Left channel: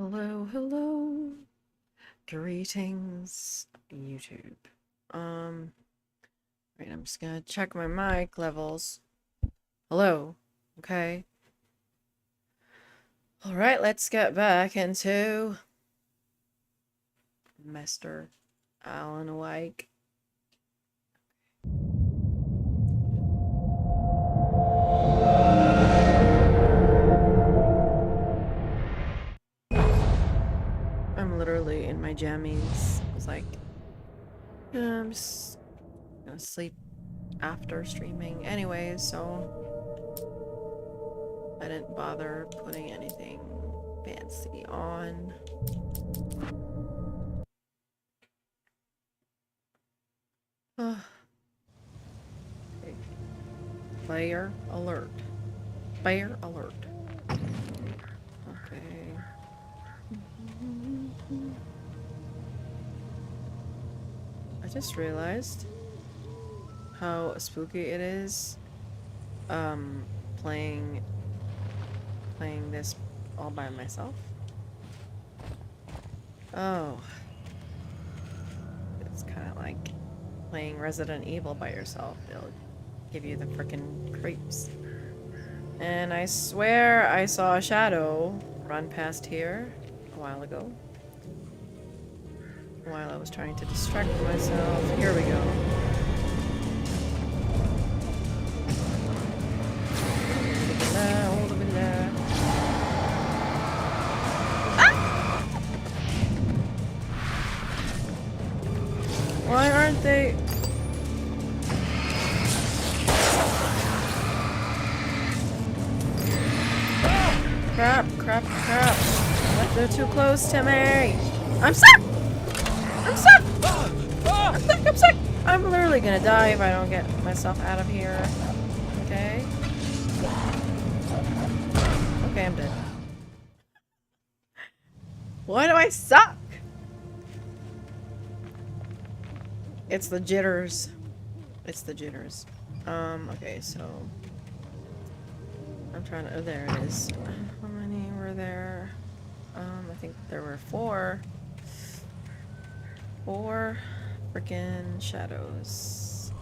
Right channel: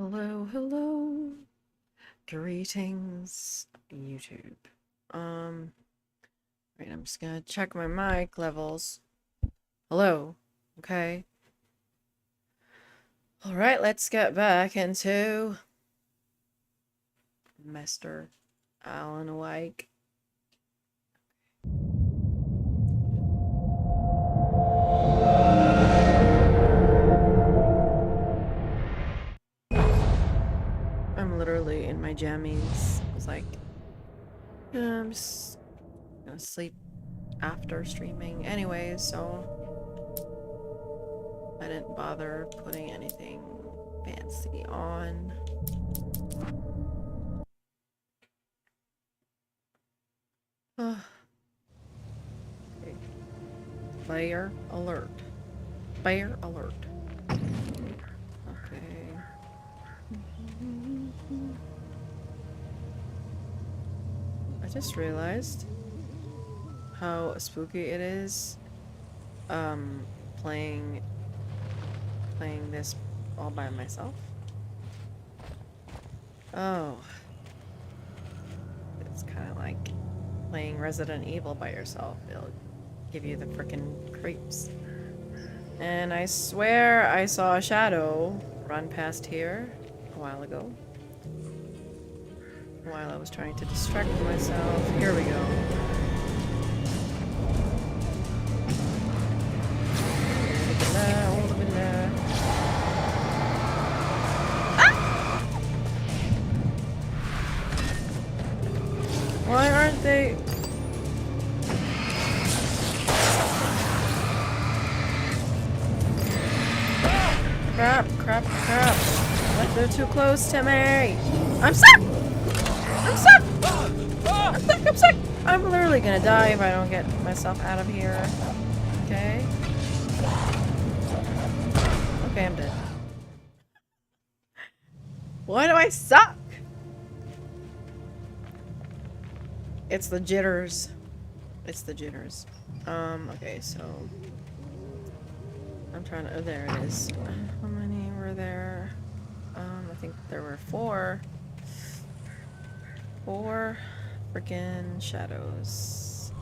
Hello, hello. Greetings, YouTube. Right, I'm just gonna check my mic levels. Hello. Okay. Alright, let's get back into Mr. Alan Wake. I'm literally in my jammies. I was like, I'm just gonna sleep after streaming anyways, so I didn't bother putting anything fancy on. Okay. Player alert. Player alert. Okay. I just realized how spooky it is playing this all by myself. Oh, it's kind of like playing Resident Evil by yourself. It'll give you the frickin' creeps. And I swear I saw a shadow run past here a while ago. While I was trying to distract myself. Here we go. Why aren't they... Crap, crap, crap. What? They're too close to me. I'm stuck! I'm stuck! I'm stuck, I'm stuck! I'm literally gonna die if I don't get myself out of here. Okay? Okay, I'm dead. Why do I suck? It's the jitters. It's the jitters. Okay, so... I'm trying to... Oh, there it is. How many were there? I think there were four. Four freaking shadows.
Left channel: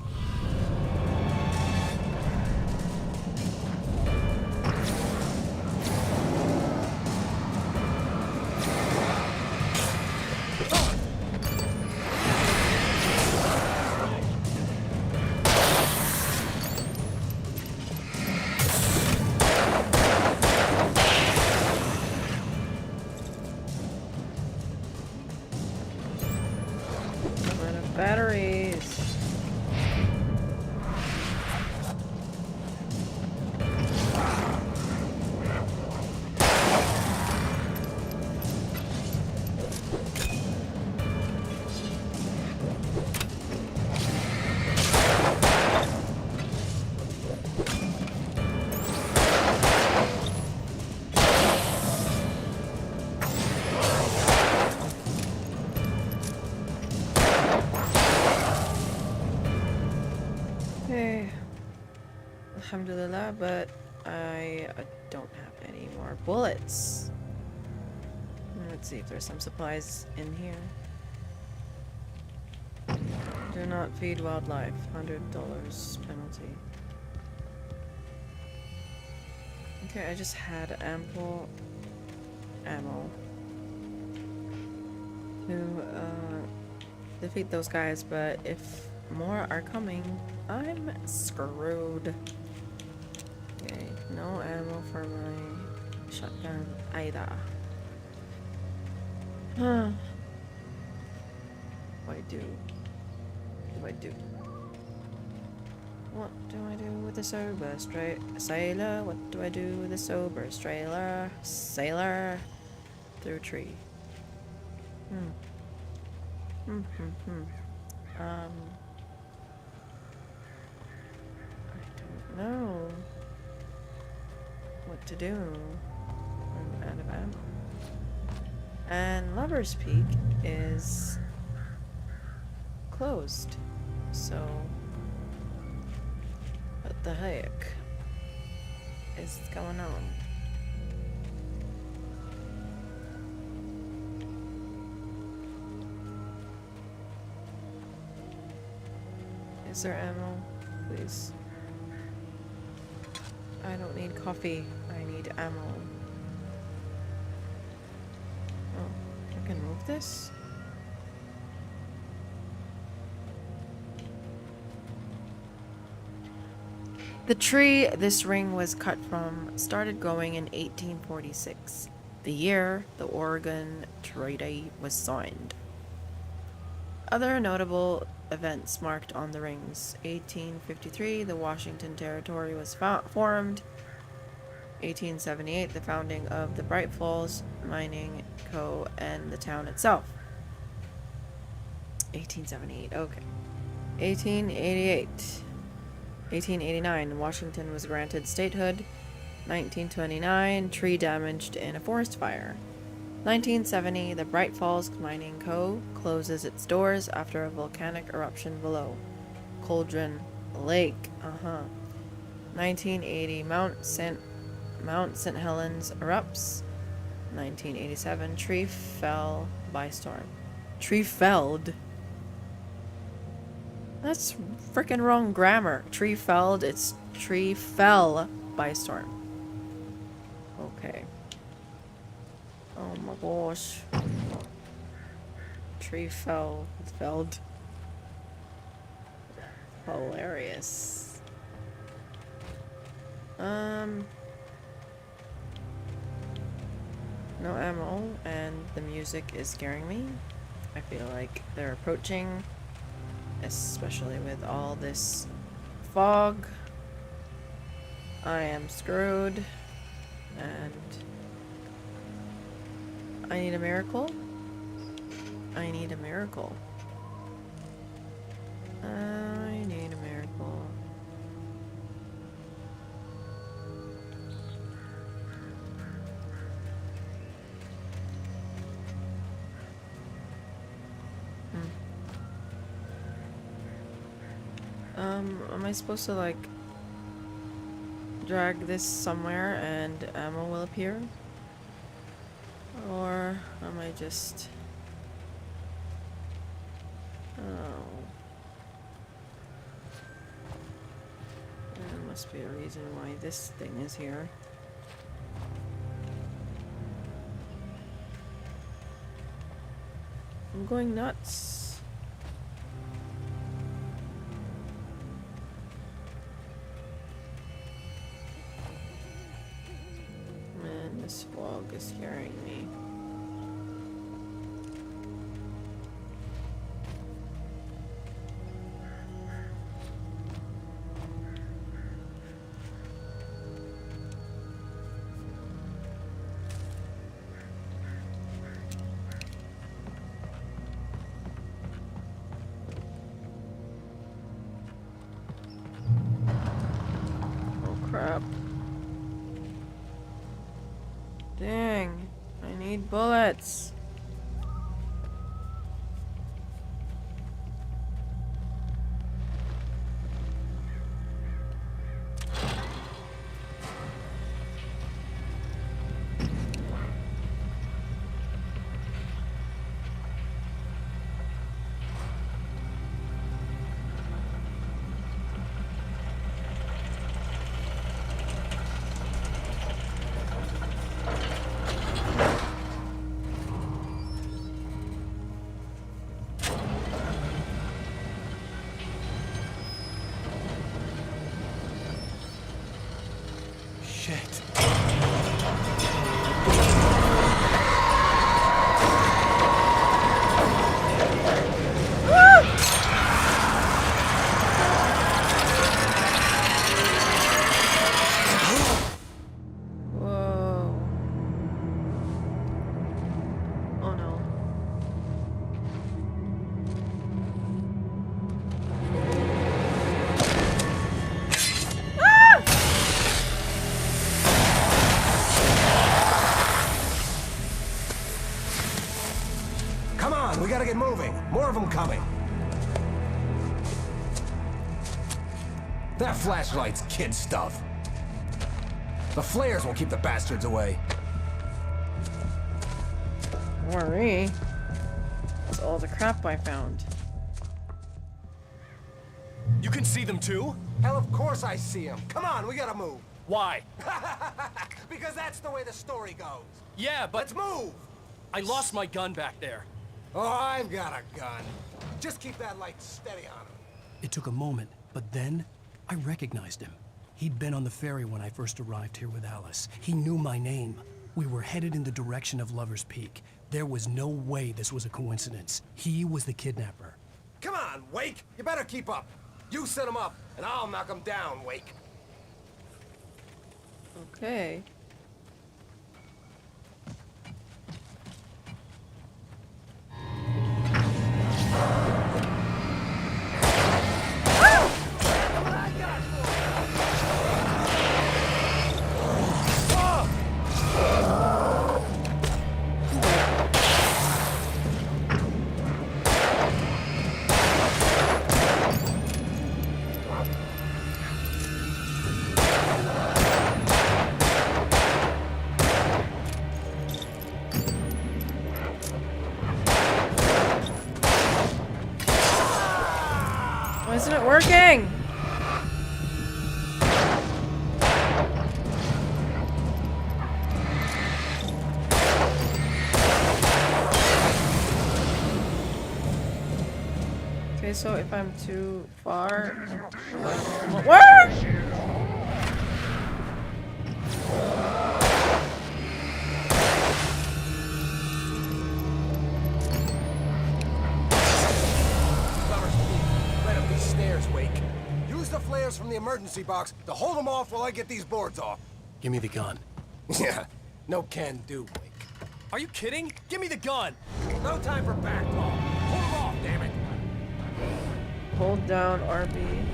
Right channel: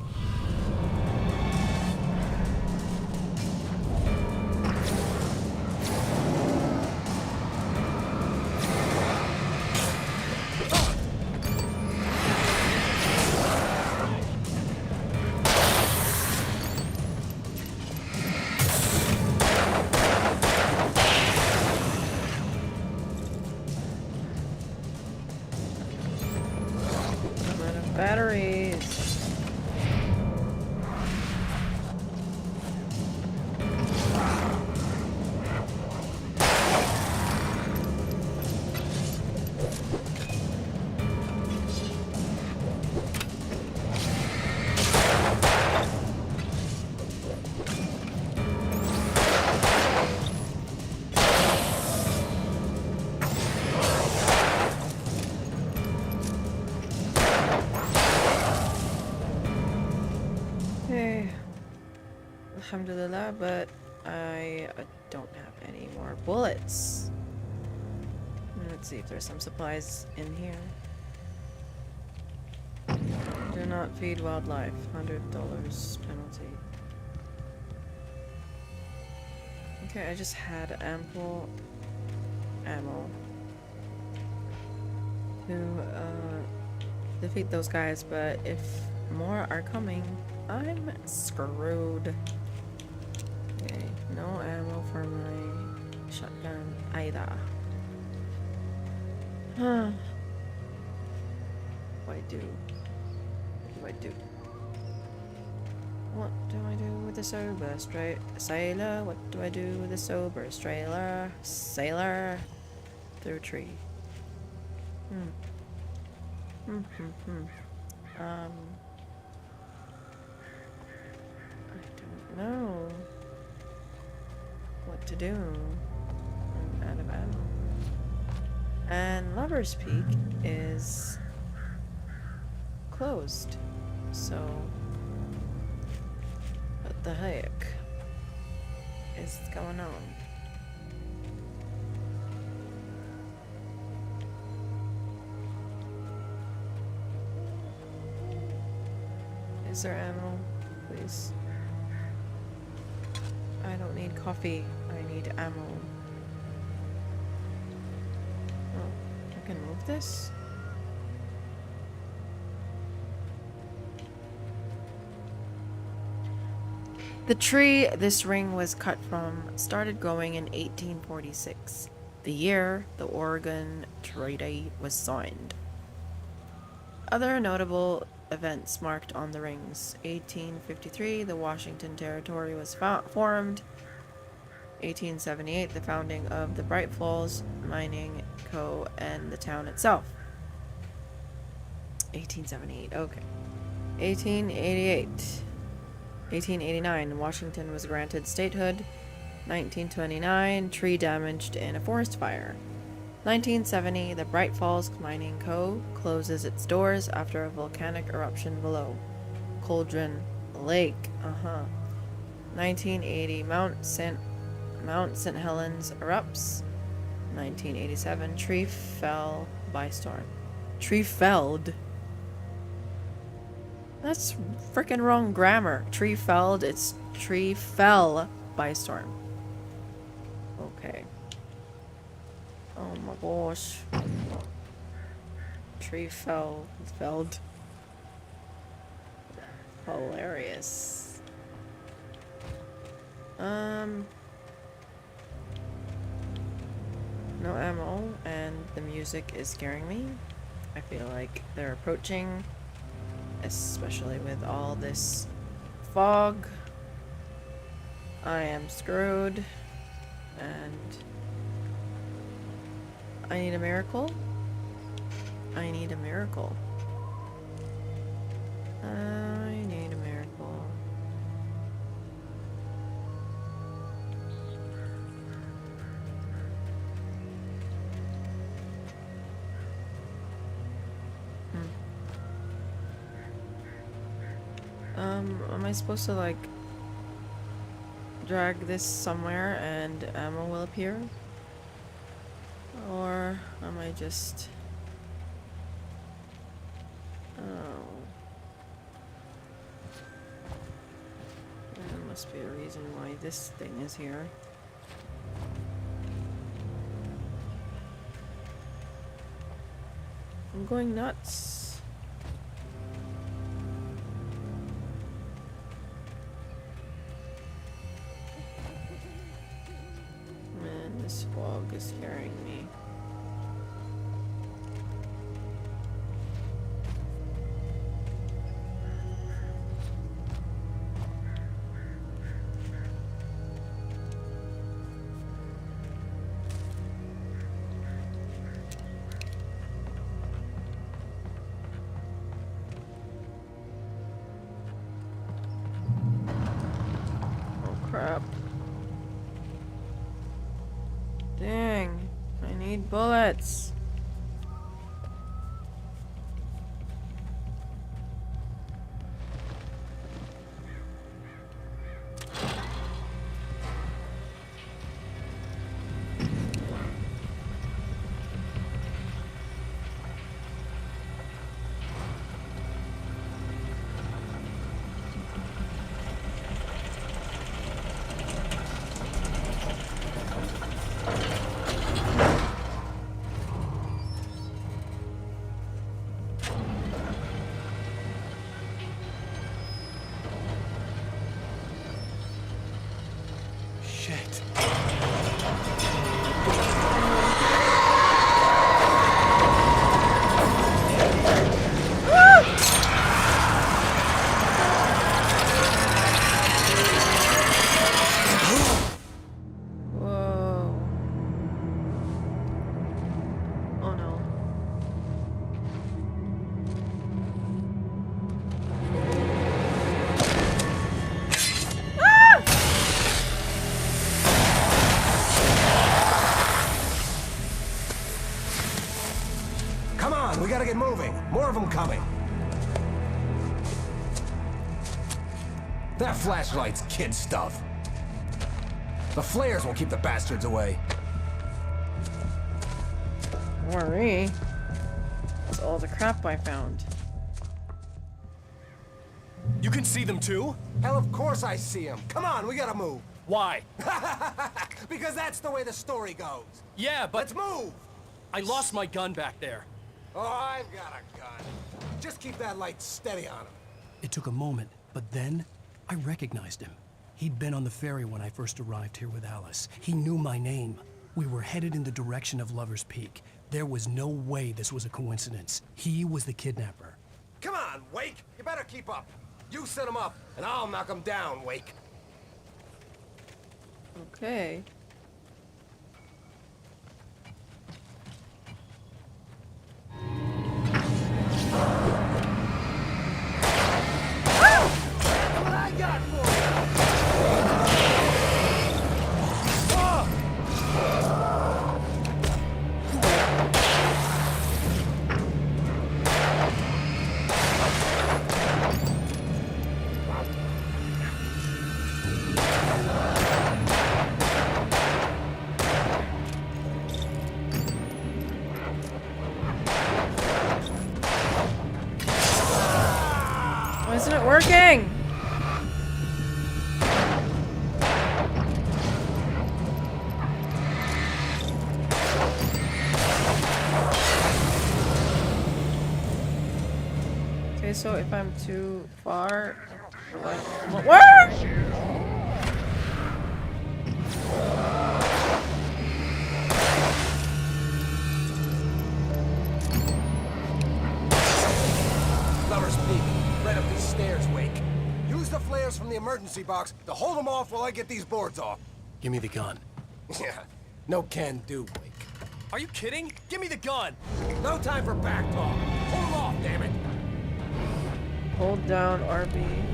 I'm out of batteries. Okay. Alhamdulillah, but I don't have any more bullets. Let's see if there's some supplies in here. Do not feed wildlife. $100 penalty. Okay, I just had ample ammo to defeat those guys, but if more are coming, I'm screwed. Okay, no ammo for my shotgun either. Huh. What do I do? What do I do? What do I do with the sober sailor? What do I do with the sober sailor through a tree? I don't know what to do. I'm out of ammo. And Lover's Peak is closed. So, what the heck is going on? Is there ammo? Please. I don't need coffee. I need ammo. Oh, I can move this? The tree this ring was cut from started growing in 1846, the year the Oregon Treaty was signed. Other notable events marked on the rings: 1853, the Washington Territory was formed. 1878, the founding of the Bright Falls Mining Co. and the town itself. 1878, okay. 1888. 1889, Washington was granted statehood. 1929, tree damaged in a forest fire. 1970, the Bright Falls Mining Co. closes its doors after a volcanic eruption below Cauldron Lake. 1980, Mount St. Helens erupts. 1987, tree fell by storm. Tree felled? That's freaking wrong grammar. Tree felled, it's tree fell by storm. Okay. Oh my gosh. Tree felled. Hilarious. No ammo, and the music is scaring me. I feel like they're approaching, especially with all this fog. I am screwed, and I need a miracle. I need a miracle. I need a miracle. Am I supposed to, like, drag this somewhere and ammo will appear? Or am I just... Oh. There must be a reason why this thing is here. I'm going nuts. Man, this fog is scaring me. Crap. Dang. I need bullets. Shit. Whoa. Oh no. Come on, we gotta get moving. More of them coming. That flashlight's kid stuff. The flares won't keep the bastards away. Worry. That's all the crap I found. You can see them too? Hell, of course I see him. Come on, we gotta move. Why? Because that's the way the story goes. Yeah, but Let's move! I lost my gun back there. Oh, I've got a gun. Just keep that light steady on him. It took a moment, but then I recognized him. He'd been on the ferry when I first arrived here with Alice. He knew my name. We were headed in the direction of Lover's Peak. There was no way this was a coincidence. He was the kidnapper. Come on, Wake! You better keep up. You set him up, and I'll knock him down, Wake. Okay. What I got for you? Why isn't it working? Okay, so if I'm too far, where? Lover's Peak. Right up these stairs, Wake. Use the flares from the emergency box to hold them off while I get these boards off. Give me the gun. Yeah, no can do, Wake. Are you kidding? Give me the gun! No time for back talk. Hold them off, damn it. Hold down RB.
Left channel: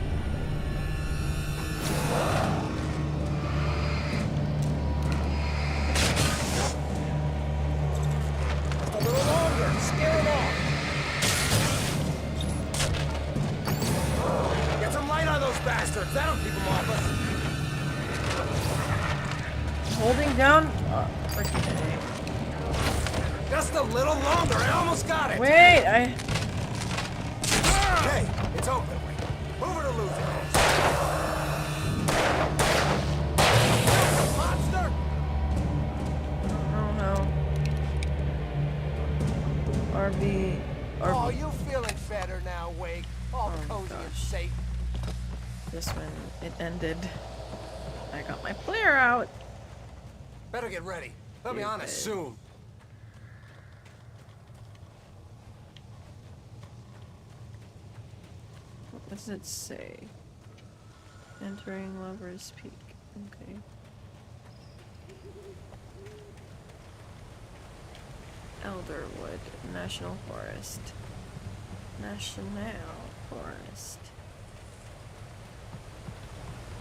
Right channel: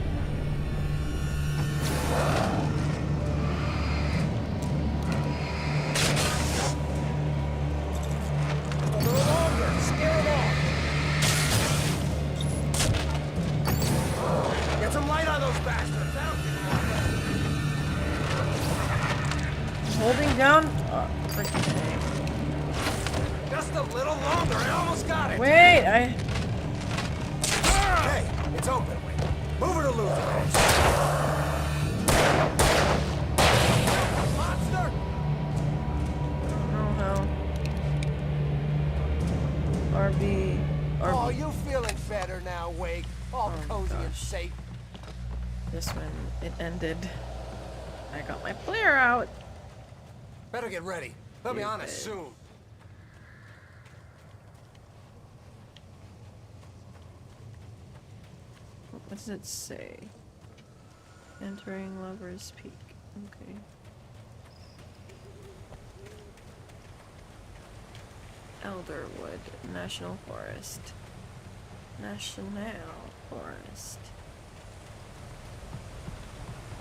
A little longer. Scare them off. Get some light on those bastards. That'll keep them off us. Holding down. Freaking Just a little longer. I almost got it. Wait, I. Okay, it's open, Wake. Move it or lose it. Monster! I don't know how. RB. Oh, you feeling better now, Wake? All cozy and gosh. safe. This one, it ended. I got my flare out. Better get ready. They'll be on us Stupid. soon. What does it say? Entering Lover's Peak. Okay. Elderwood National Forest. National Forest.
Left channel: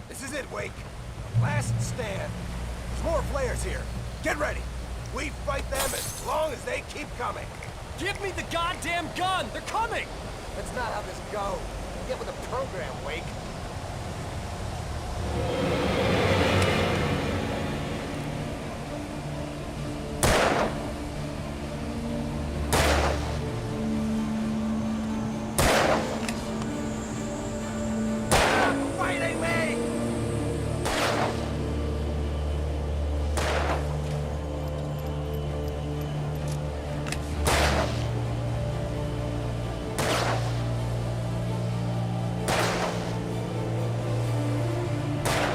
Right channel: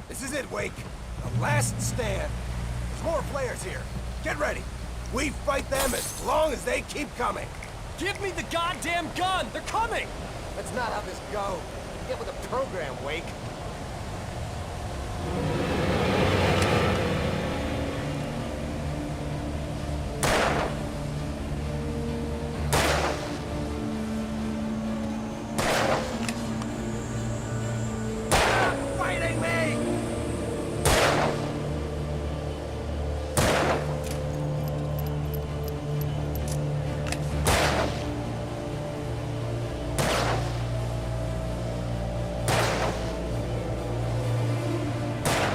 This is it, Wake. The last stand. There's more flares here. Get ready. We fight them as long as they keep coming. Give me the goddamn gun! They're coming! That's not how this goes. Get with the program, Wake. Stop fighting me!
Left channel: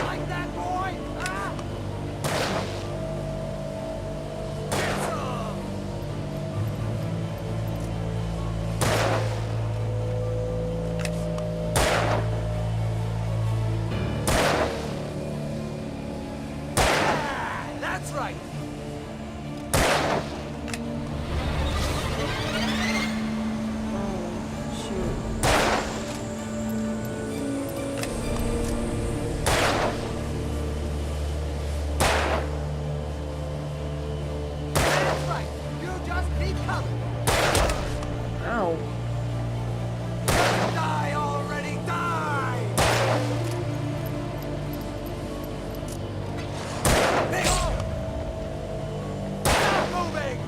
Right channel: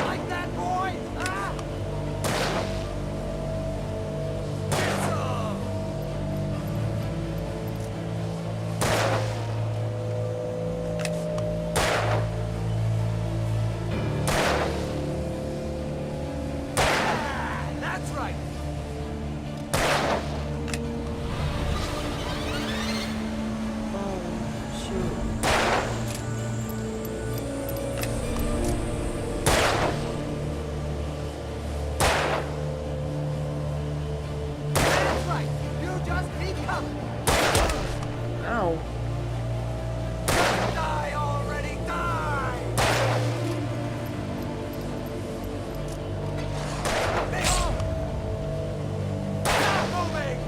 Like that, boy? Huh? Get some! Ah, that's right. Oh, shoot. That's right. You just keep coming. Ow. Die already, die! Big hole! Stop moving!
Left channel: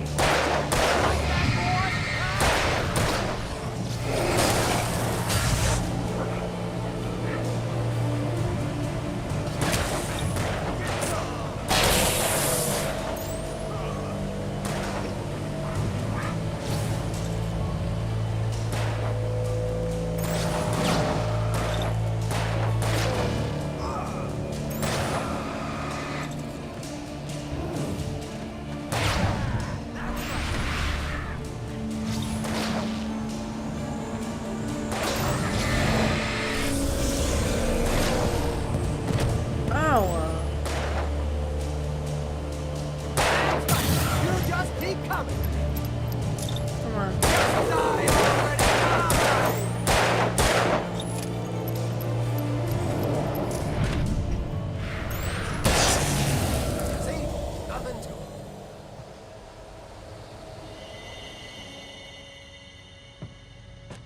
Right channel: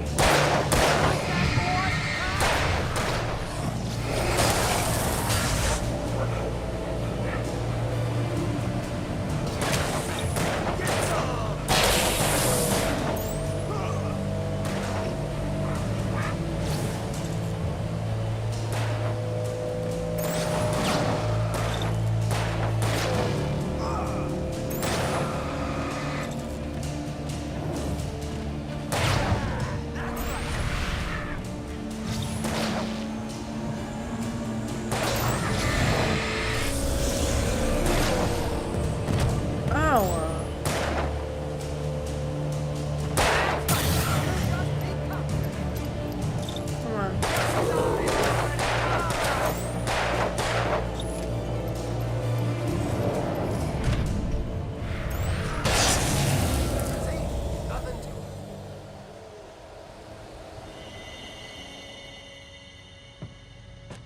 big. Oh. Come on. See? Nothing to it.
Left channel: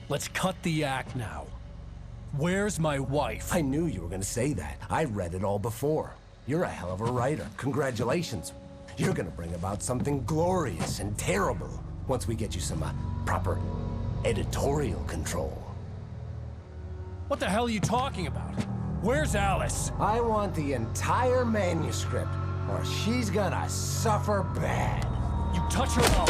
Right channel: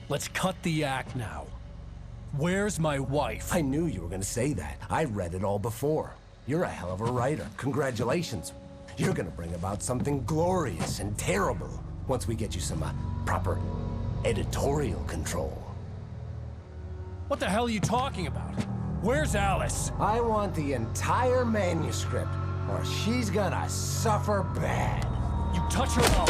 Let's cut the act now. Where's my wife? I knew you were gonna say that. I read it all before. You're a hell of a writer. Congratulations. You're gonna bring about something glorious and terrible once we get you some proper editorial control. What the hell are you talking about? Where's Alice? I want the entire manuscript, or she's gonna suffer bad. You touch her up.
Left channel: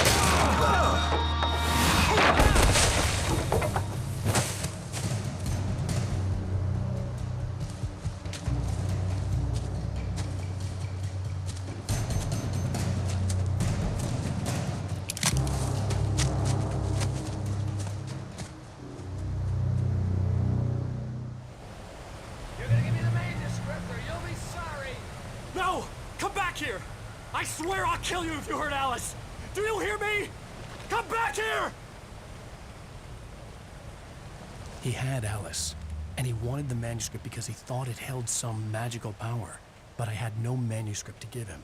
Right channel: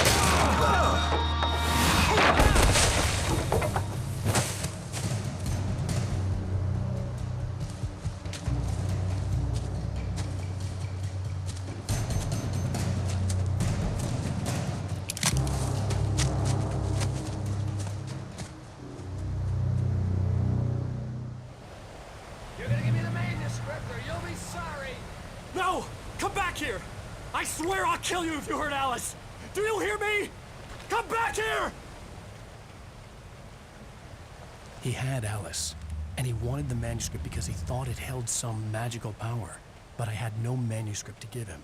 You're gonna give me the manuscript or you'll be sorry. No! Come back here! I swear I'll kill you if you hurt Alice! Do you hear me? Come back here! He had Alice, and he wanted the manuscript because he thought it held some magical power. But I had no manuscript to give him.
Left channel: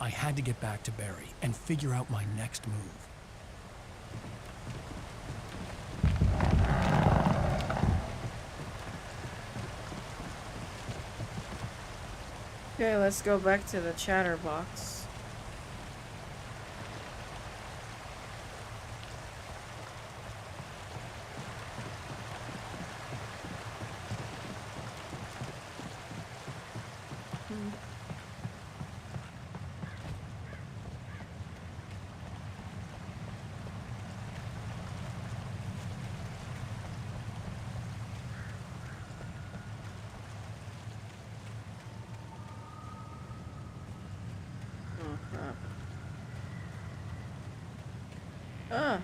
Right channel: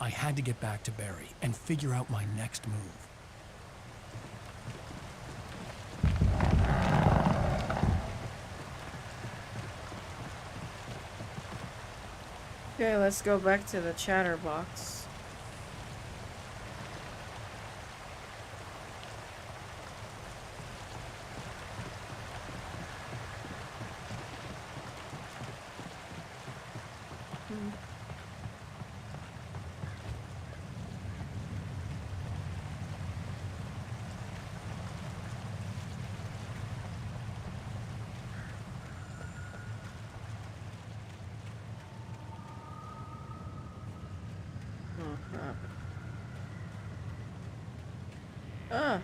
I had to get back to Barry and figure out my next move. Okay, let's go back to the chatterbox. Oh crap. Ah.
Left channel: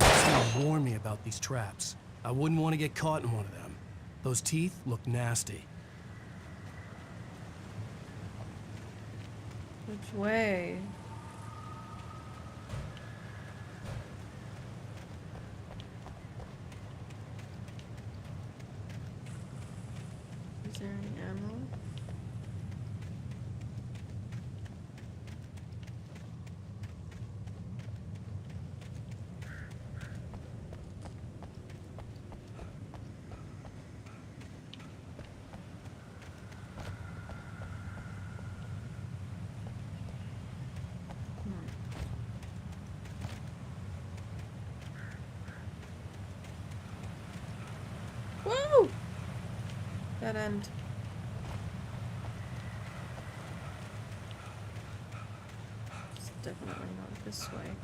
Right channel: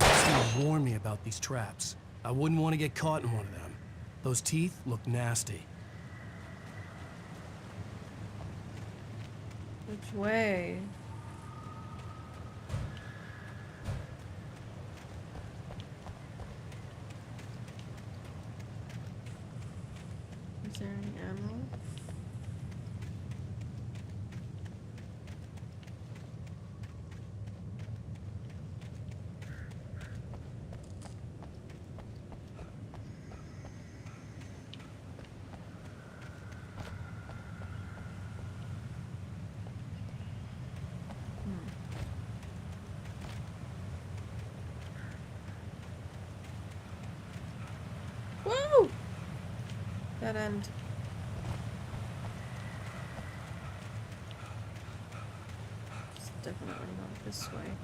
Someone warned me about these traps. I wouldn't want to get caught in one of them. Those teeth look nasty. Which way? Is there any ammo? Woo! Dead end. It's definitely not this way.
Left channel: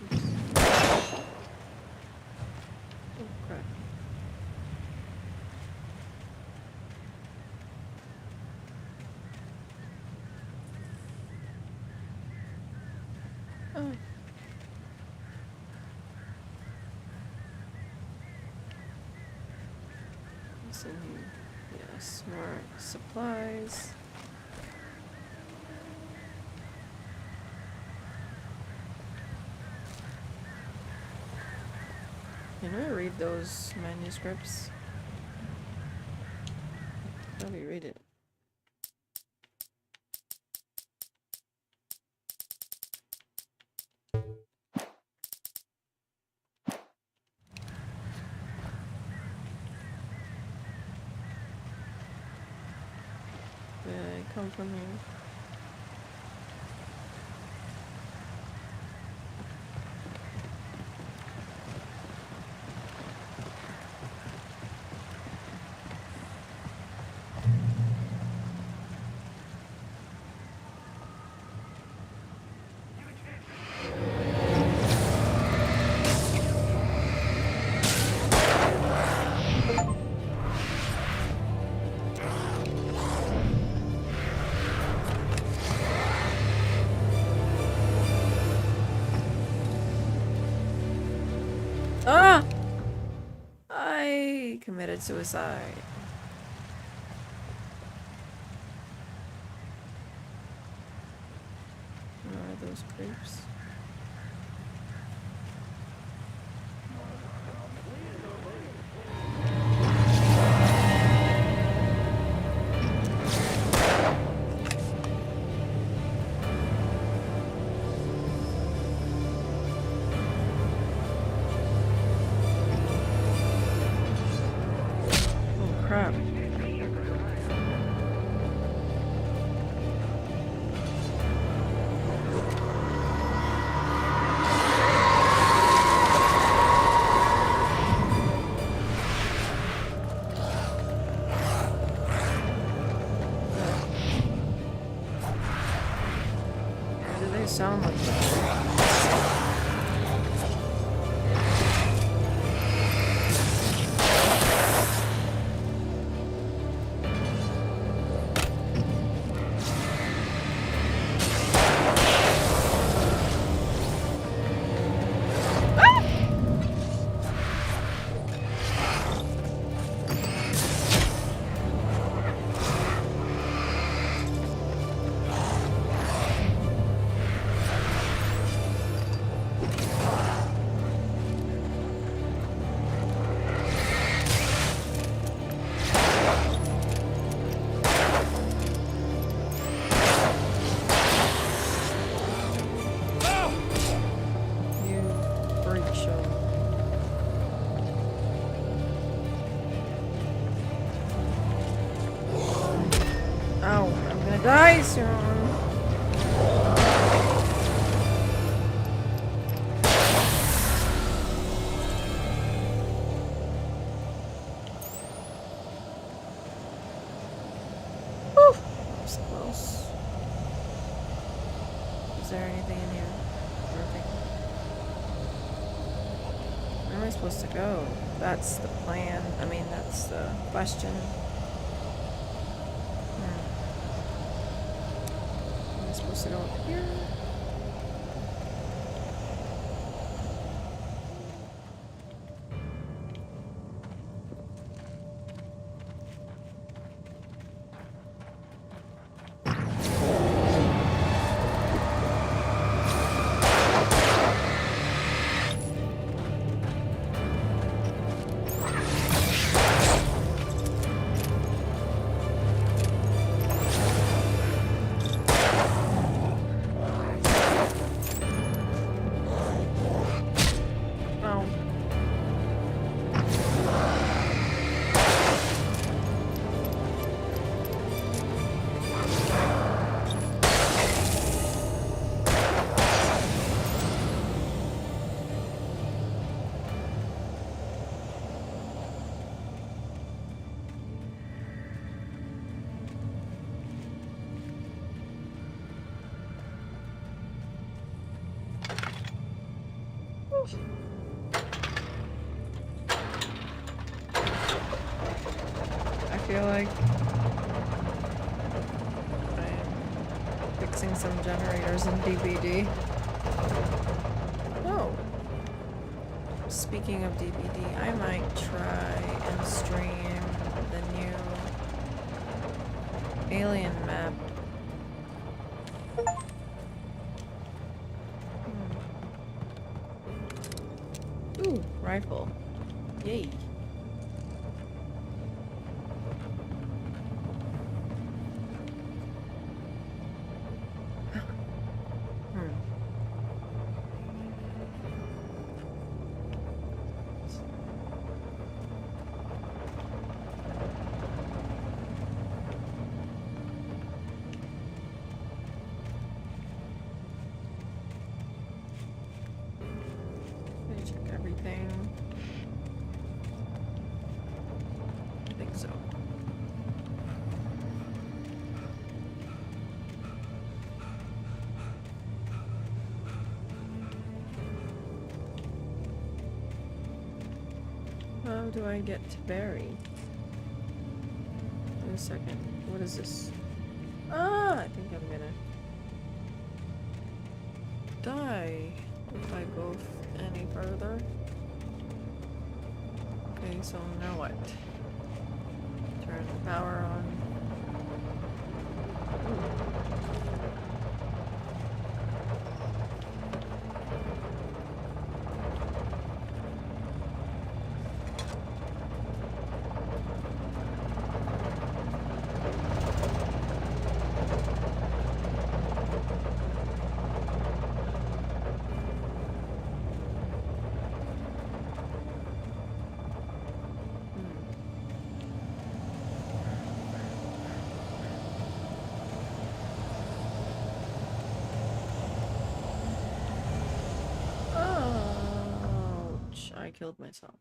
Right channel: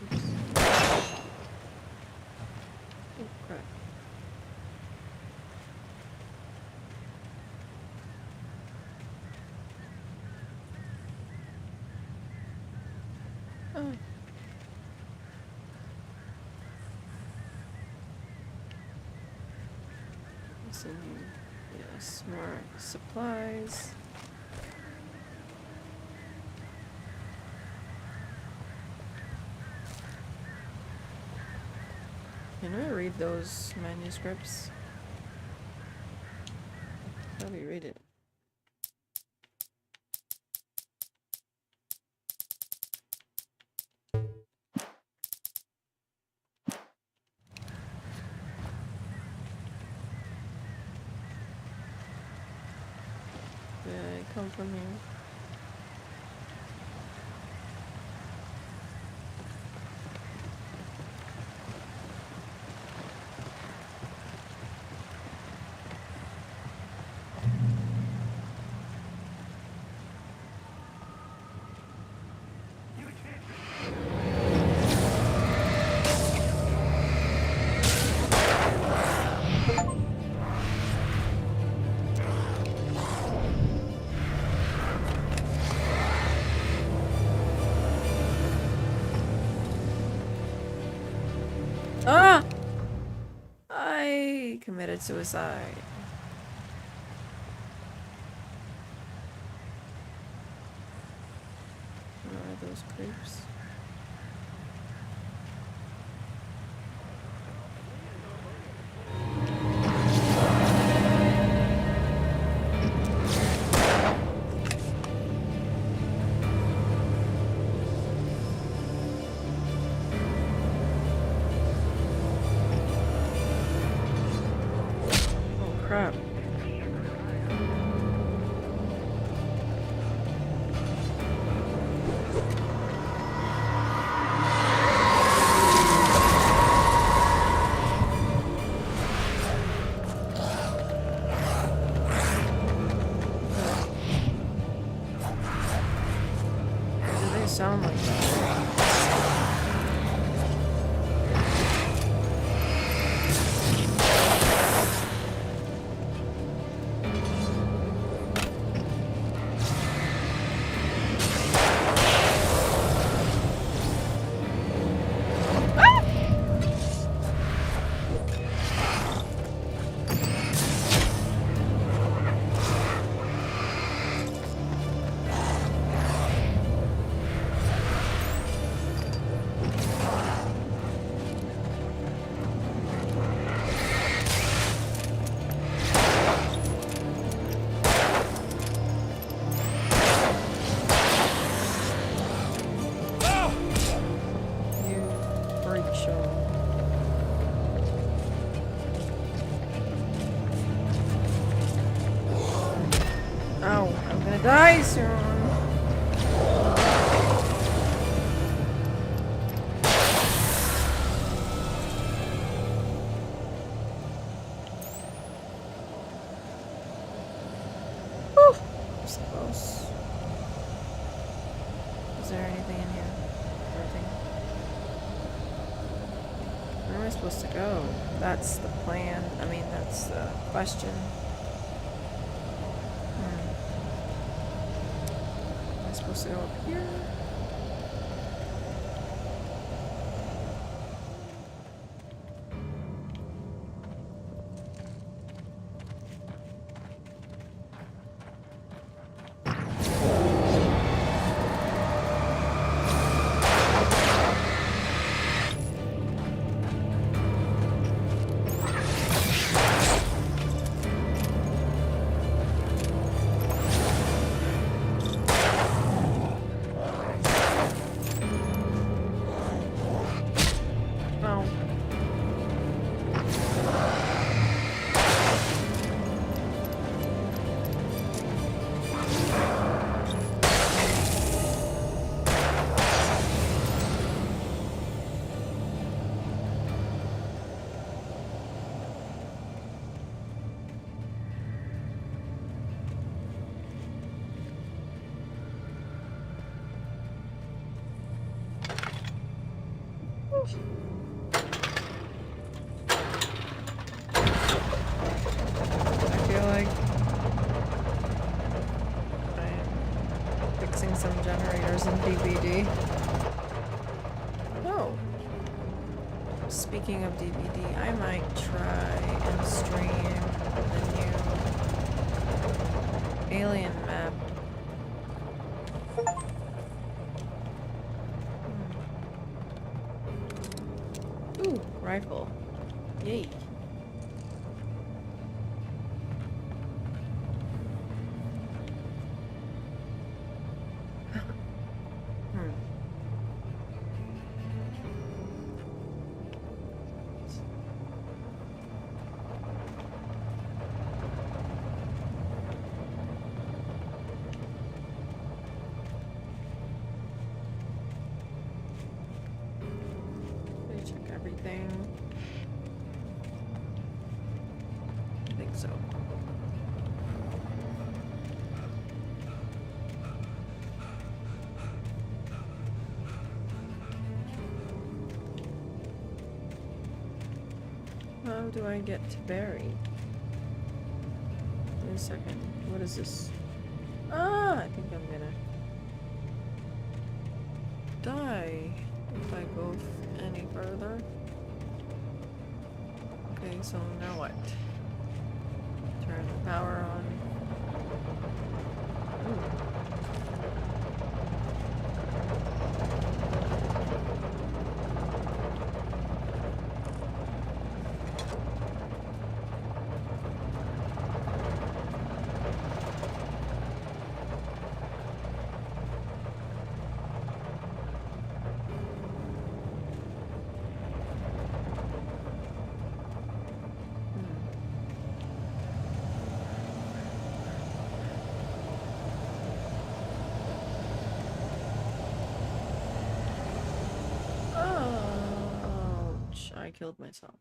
Oops. Oh crap. Oh. What's in here? Yes, more supplies. Can I read those manuscripts? How do you read it? come from here. Ah! I committed suicide. What are those creeps? Crap. Why do they sound like that? Ow, I'm gonna die soon. Whew, that was close. Is there anything in here? Nothing. Where am I supposed to go? That's the plan. I mean, that's the question. Am I supposed to go up here? I feel like I'm fixing some generators in DBD. Oh. Speaking of DBD, I might try and stream the new Alien map. Ooh, rifle. Yay. Check everything. I think so. How do I get to Barry? Wait a second. What is this? Ah! I think I'm gonna die if I go any further. Okay, so now what? Turn the power on. Ooh. Ouch, I killed myself.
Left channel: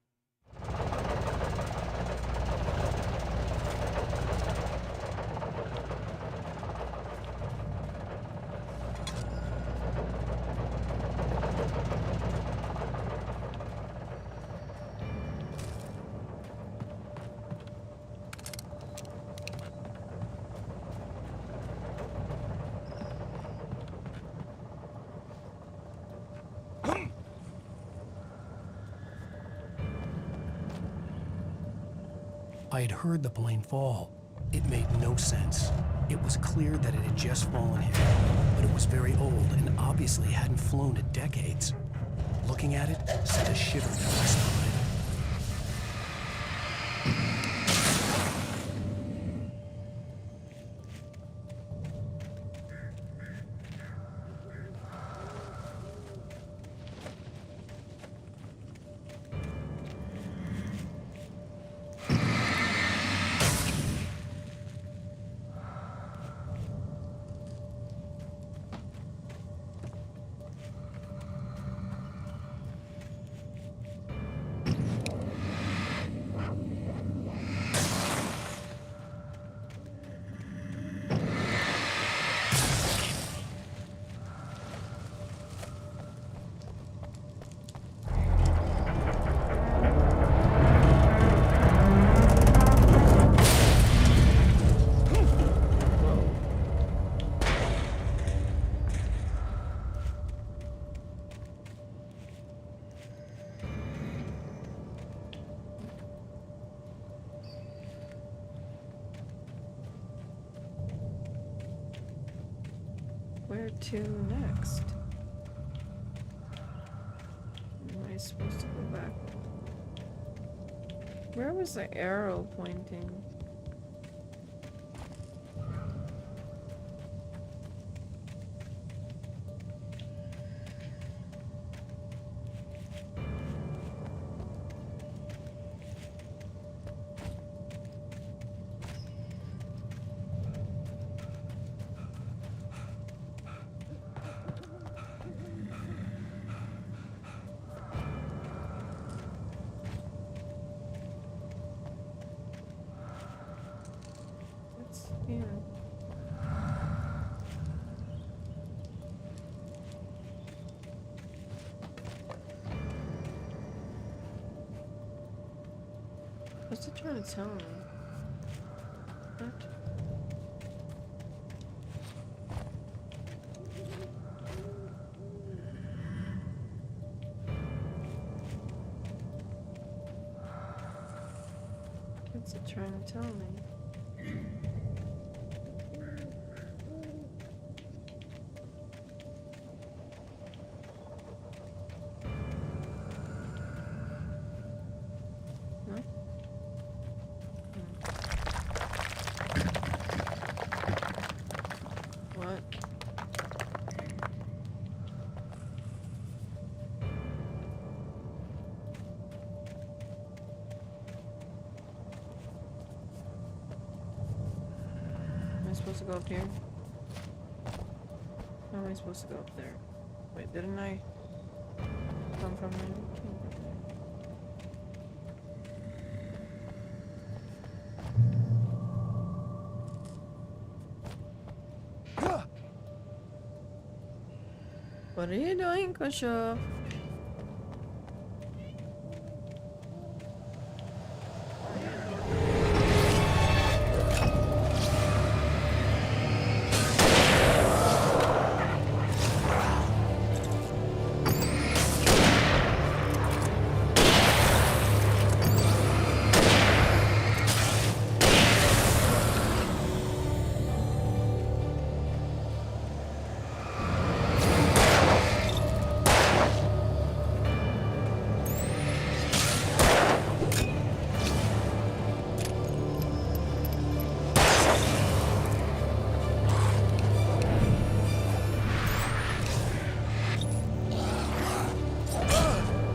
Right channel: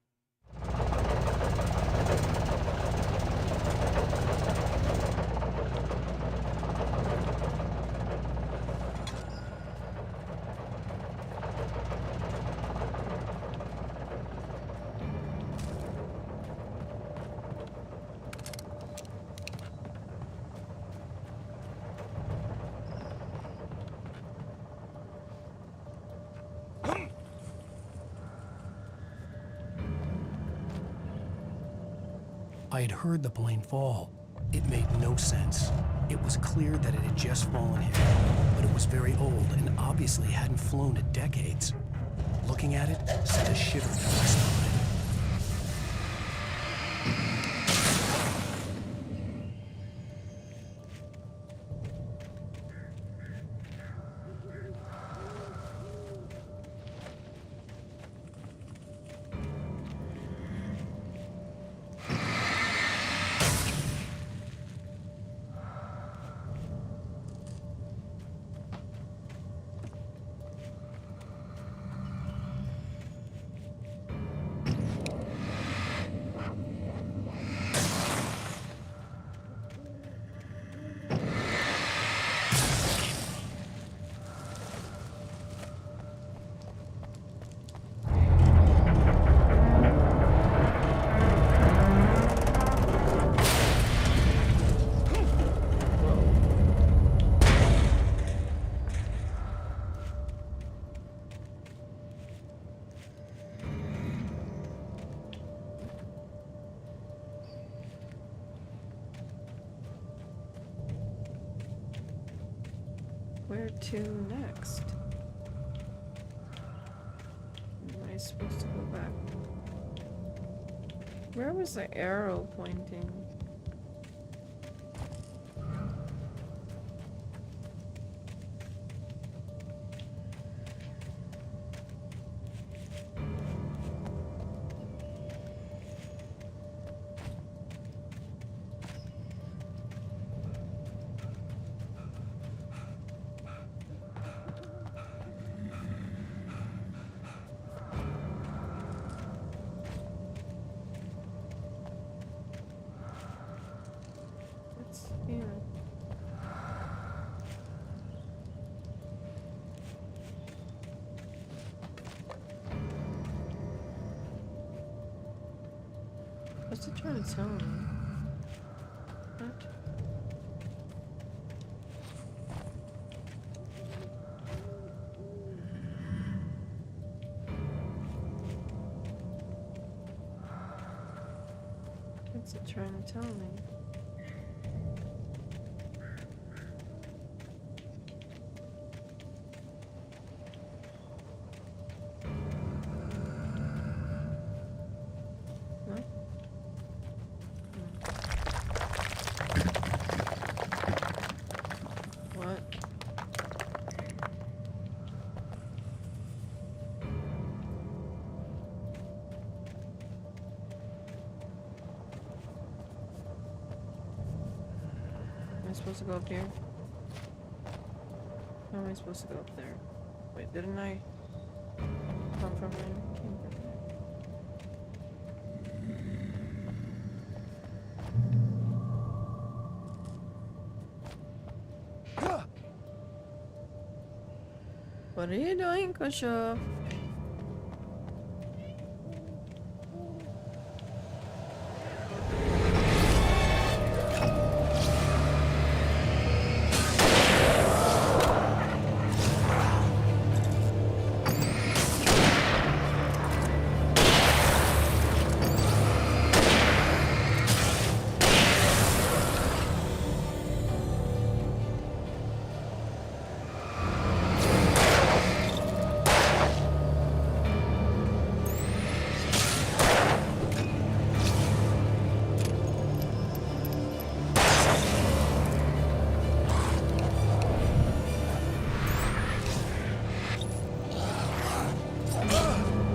I had heard the plane fall. It made no sense. It was clear that it had just fallen here, but it was very old and obviously hadn't flown in decades. Looking at it sent a shiver down my spine. Where to next? Am I supposed to go back? Where was the arrow pointing? What's here? What's it trying to tell me? What? What's it trying to tell me? What? What? Am I supposed to go up here? How am I supposed to go up there? Wait, didn't I? come from there. Came from there. What are you doing, Khrushchev?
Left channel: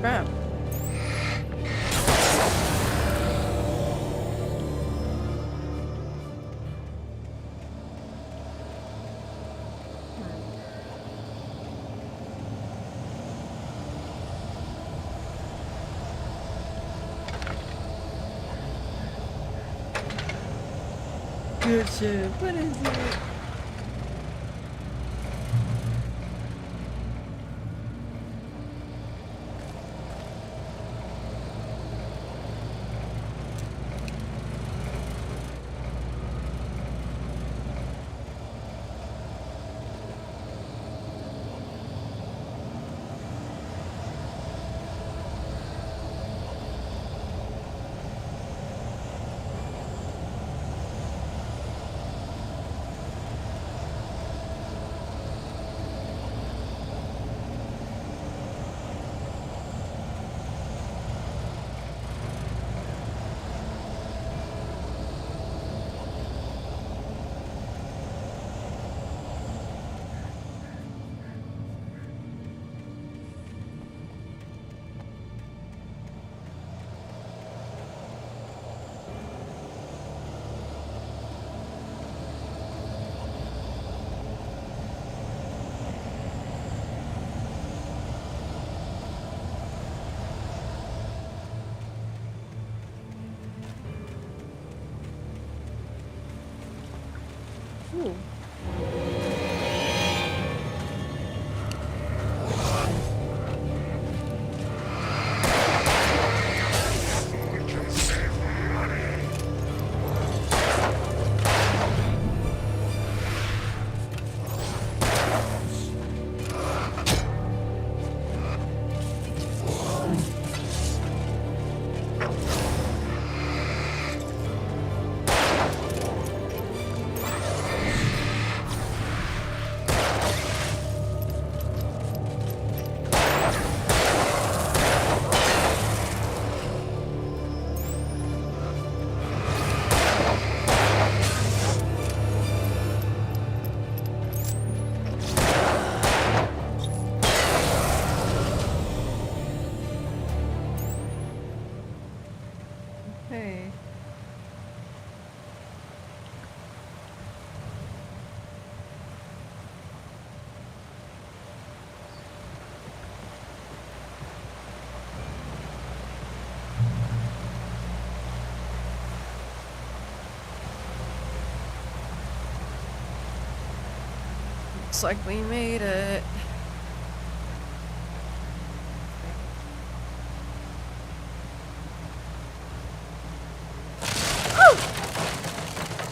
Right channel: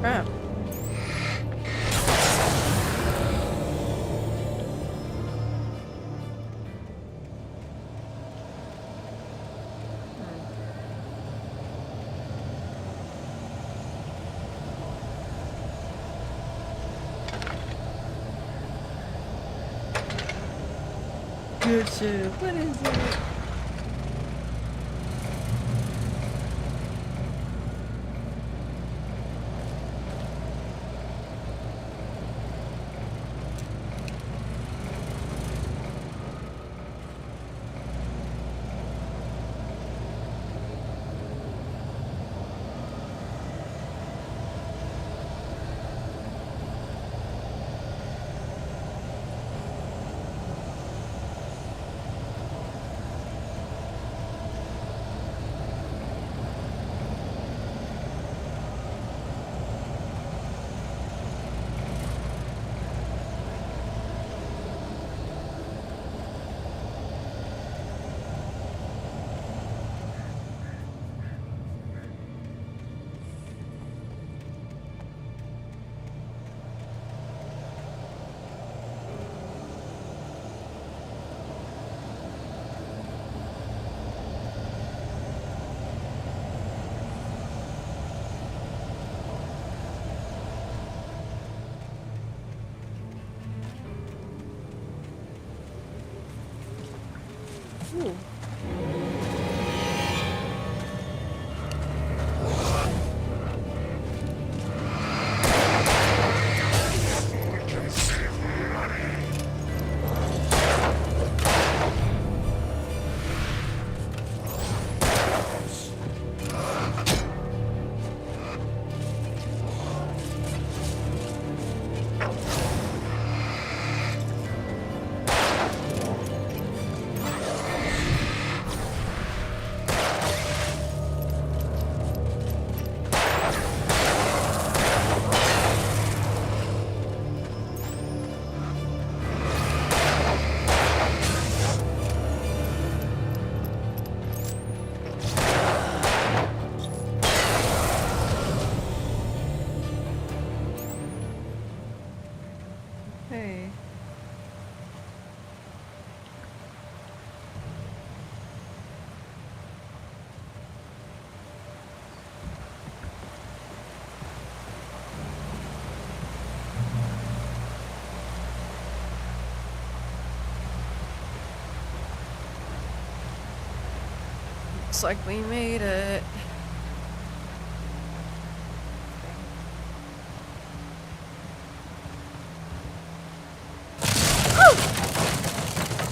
Crap. Good shit. What is it? Ooh. Okay. Looks like we made it. Oh,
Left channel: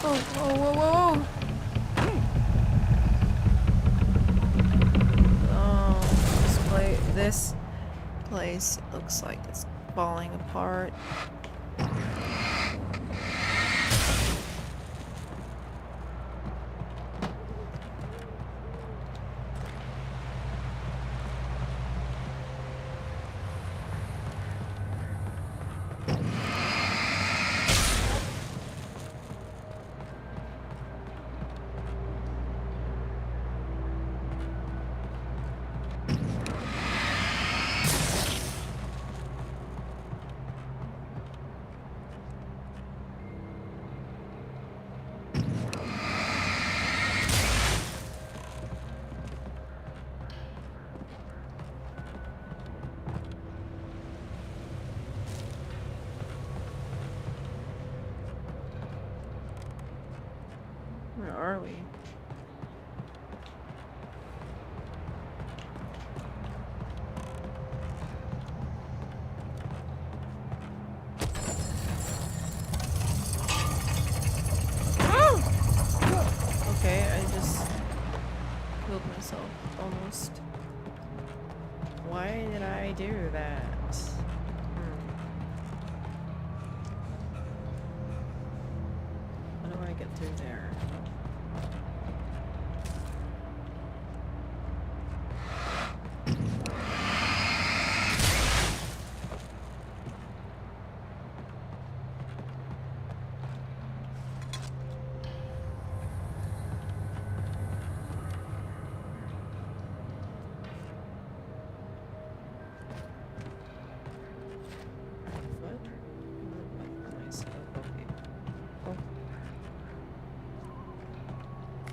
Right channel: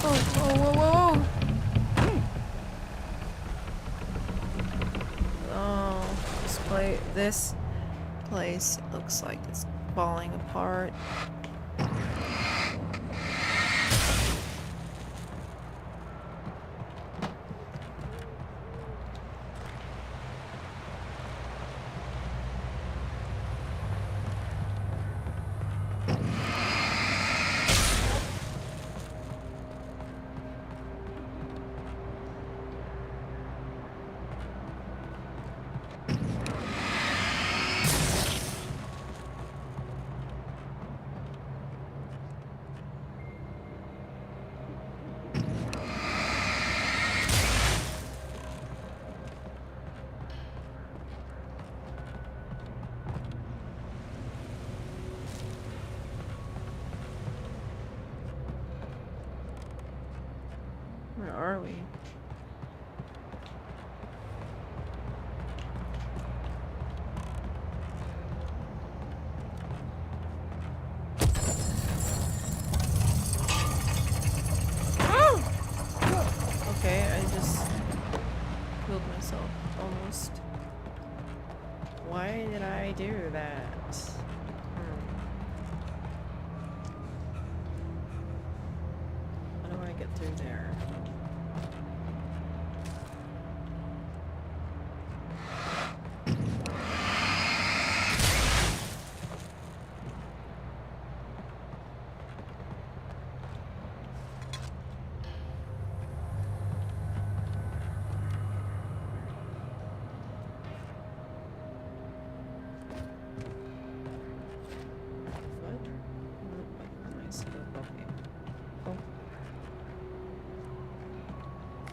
whoa, whoa, whoa, whoa. Oh, this place looks like it's falling apart. Where are we? Okay, I just killed myself almost. Why did I do that? How do I get through there?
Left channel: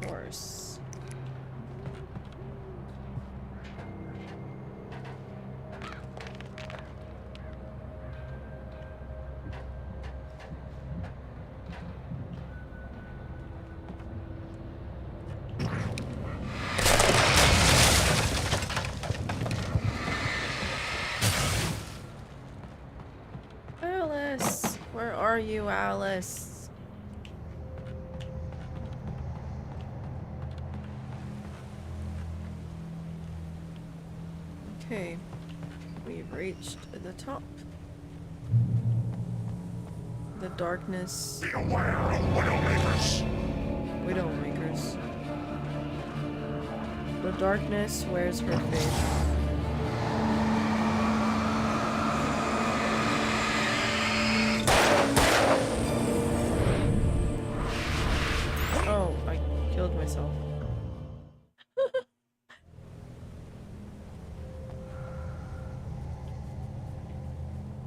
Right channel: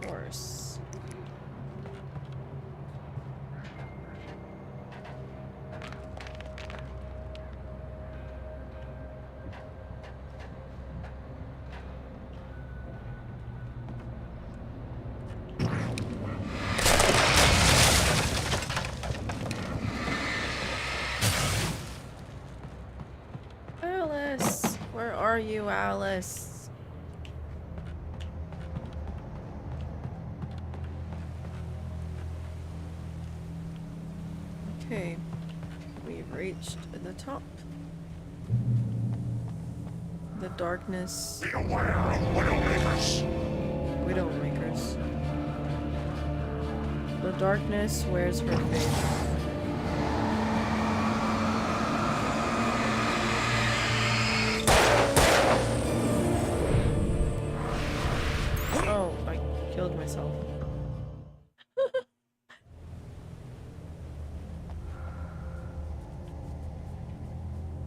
Course. Alice, where are you, Alice? Okay, we've reached the top. The darkness. Be aware of Widowmakers. Widowmakers. The darkness wears her face. Oh, I killed myself.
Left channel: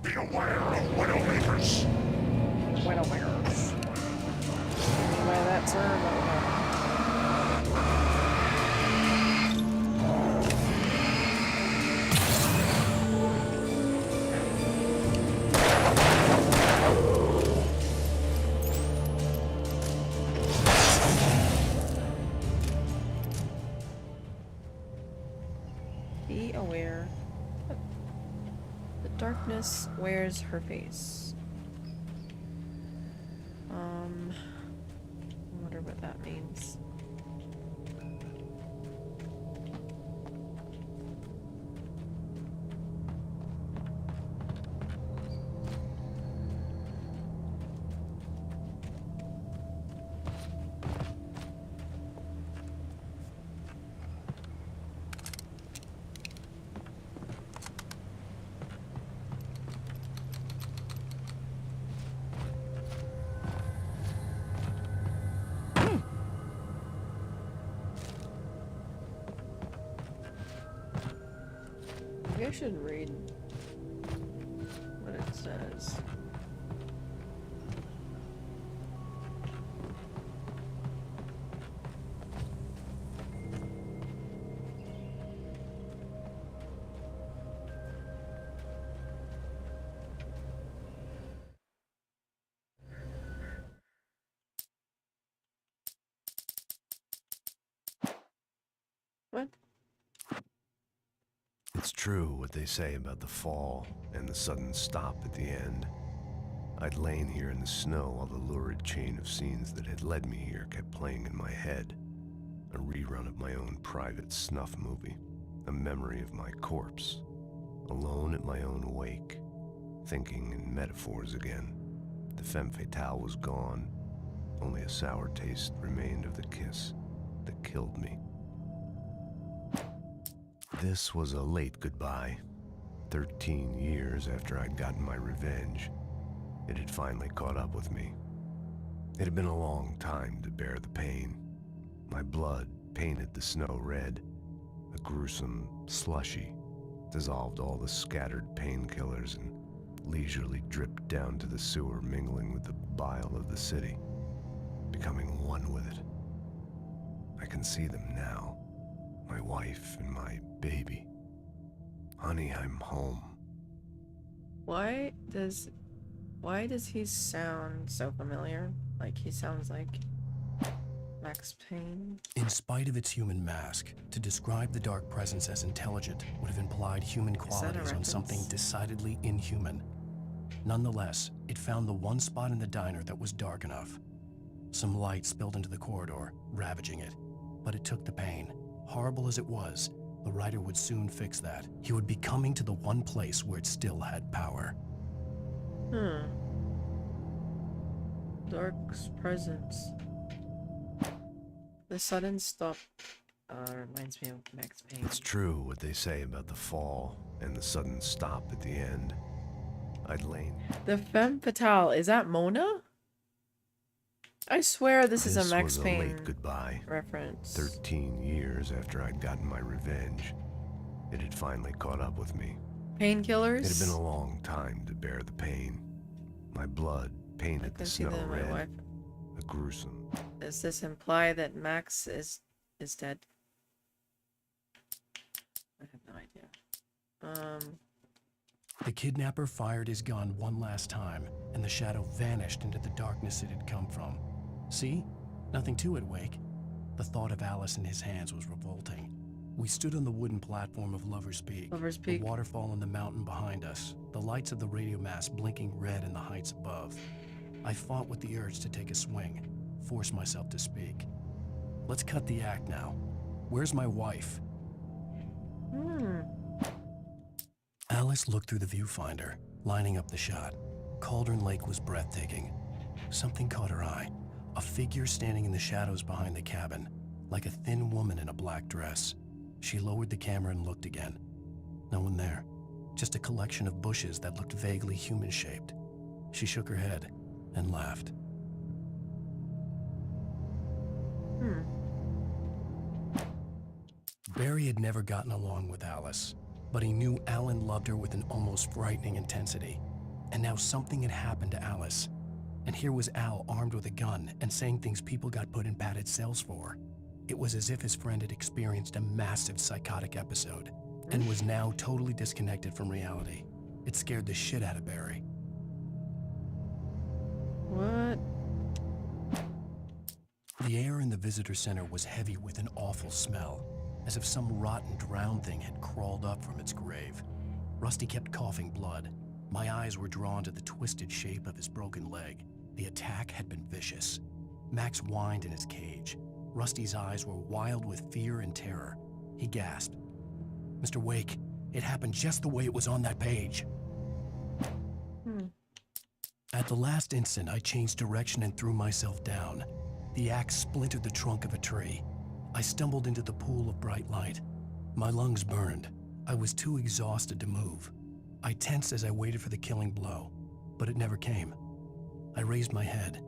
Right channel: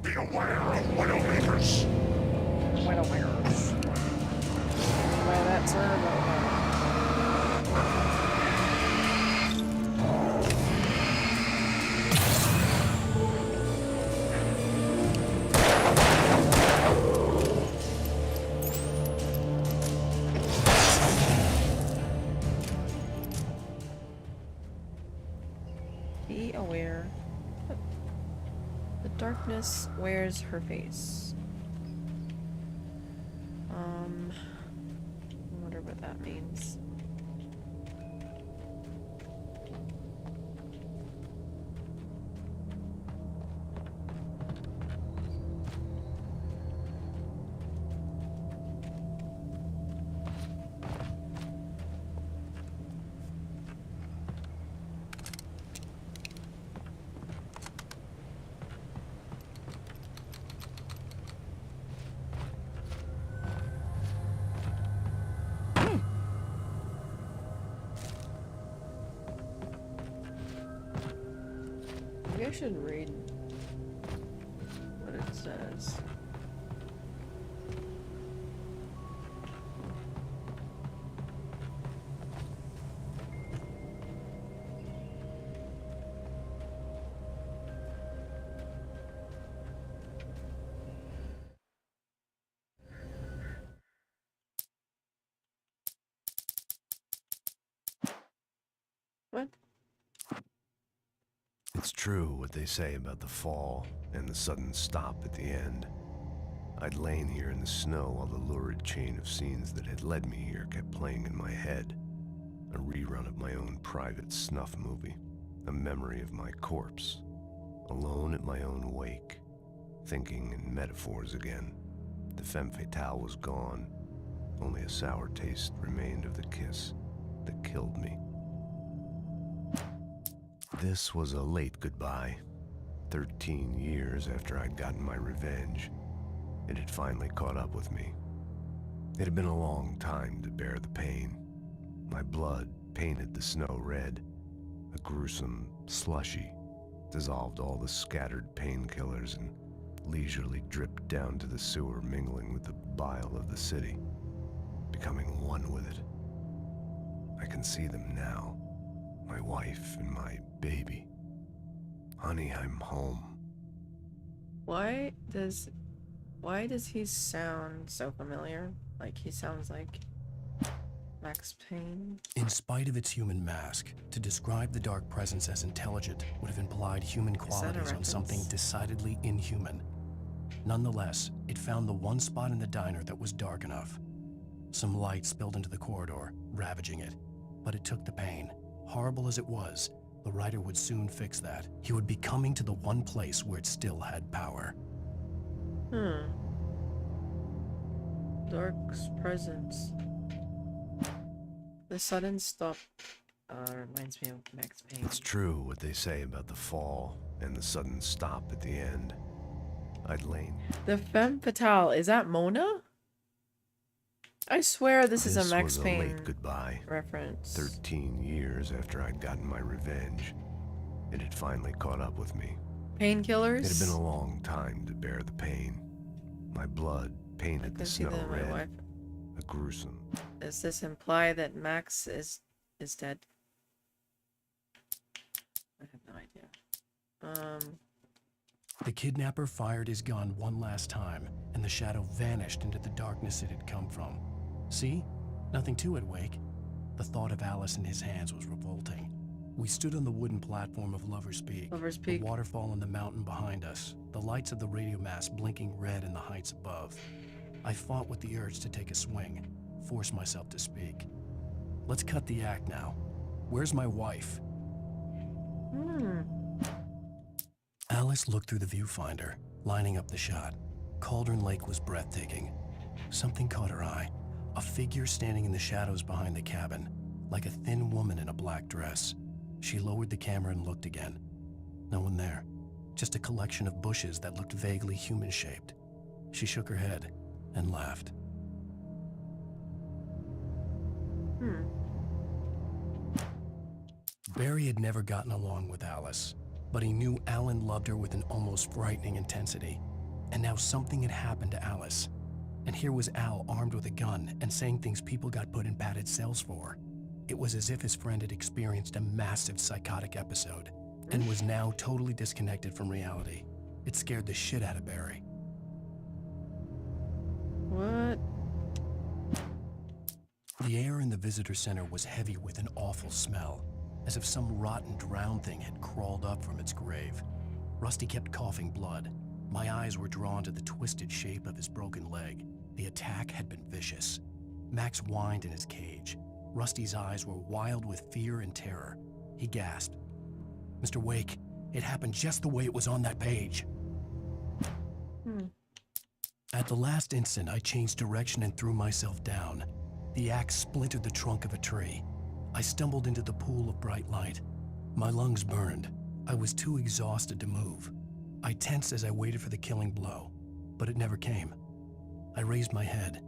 Be aware of Widowmakers. Widowmakers. By that servo. Be aware. The darkness wears her face. I wonder what that means. Maybe I should read what it says. What? It's true what they say about the fall and the sudden stop at the end. I'd lain here in the snow while the lurid chain of scenes that had led me here kept playing in my head. A rerun of my own private snuff movie. A memory of my corpse. Alone at my own wake. Thinking in metaphors again. The femme fatale was gone. Only a sour taste remained of the kiss that killed me. This was a late goodbye. 13 years after I'd gotten my revenge, it had finally caught up with me. It had been a long time to bear the pain. My blood painted the snow red. A gruesome slushy dissolved all the scattered painkillers and leisurely dripped down to the sewer, mingling with the bile of the city, becoming one with it. I can see them now. My wife and my baby. Honey, I'm home. Why does he sound so familiar? Like he sounds like Max Payne. In spite of its human mask, to describe the dark presence as intelligent would have implied human that a qualities on something reference? decidedly inhuman. Nonetheless, it found the one spot in the diner that was dark enough. Some light spilled into the corridor, ravaging it. But it took the pain. Horrible as it was, the writer would soon fix that. He would be coming to the one place where it still had power. Dark's presence. The sudden stop reminds me of Max Payne. It's true what they say about the fall and the sudden stop at the end. I'd lain. The femme fatale, is that Mona? I swear this is a Max was Payne a late goodbye. reference. 13 years after I'd gotten my revenge, it had finally caught up with me. Painkillers? It had been a long time to bear the pain. My blood I painted can the see snow that in my red. wife. A gruesome. Does this imply that Max is dead? I have no idea. The kidnapper fired his gun one last time, and the shadow vanished into the darkness it had come from. See? Nothing to it, Wake. The thought of Alice in his hands was revolting. We stood on the wooden platform of Lover's Peak. Lover's Peak. The waterfall and the mountain behind us, the lights of the radio mast blinking red in the heights above. I fought with the urge to take a swing, force myself to speak. Let's cut the act now. Where's my wife? Alice looked through the viewfinder, lining up the shot. Cauldron Lake was breathtaking. Something caught her eye. A figure standing in the shadows behind the cabin, like a thin woman in a black dress. She lowered the camera and looked again. No one there. Just a collection of bushes that looked vaguely human-shaped. She shook her head and laughed. Barry had never gotten along with Alice, but he knew Alan loved her with an almost frightening intensity. And now something had happened to Alice. And here was Al armed with a gun and saying things people got put in padded cells for. It was as if his friend had experienced a massive psychotic episode and was now totally disconnected from reality. It scared the shit out of Barry. What? The air in the visitor center was heavy with an awful smell, as if some rotten drowned thing had crawled up from its grave. Rusty kept coughing blood. My eyes were drawn to the twisted shape of his broken leg. The attack had been vicious. Max whined in his cage. Rusty's eyes were wild with fear and terror. He gasped. "Mr. Wake, it happened just the way it was on that page." At the last instant, I changed direction and threw myself down. The axe splintered the trunk of a tree. I stumbled into the pool of bright light. My lungs burned. I was too exhausted to move. I tensed as I waited for the killing blow, but it never came. I raised my head.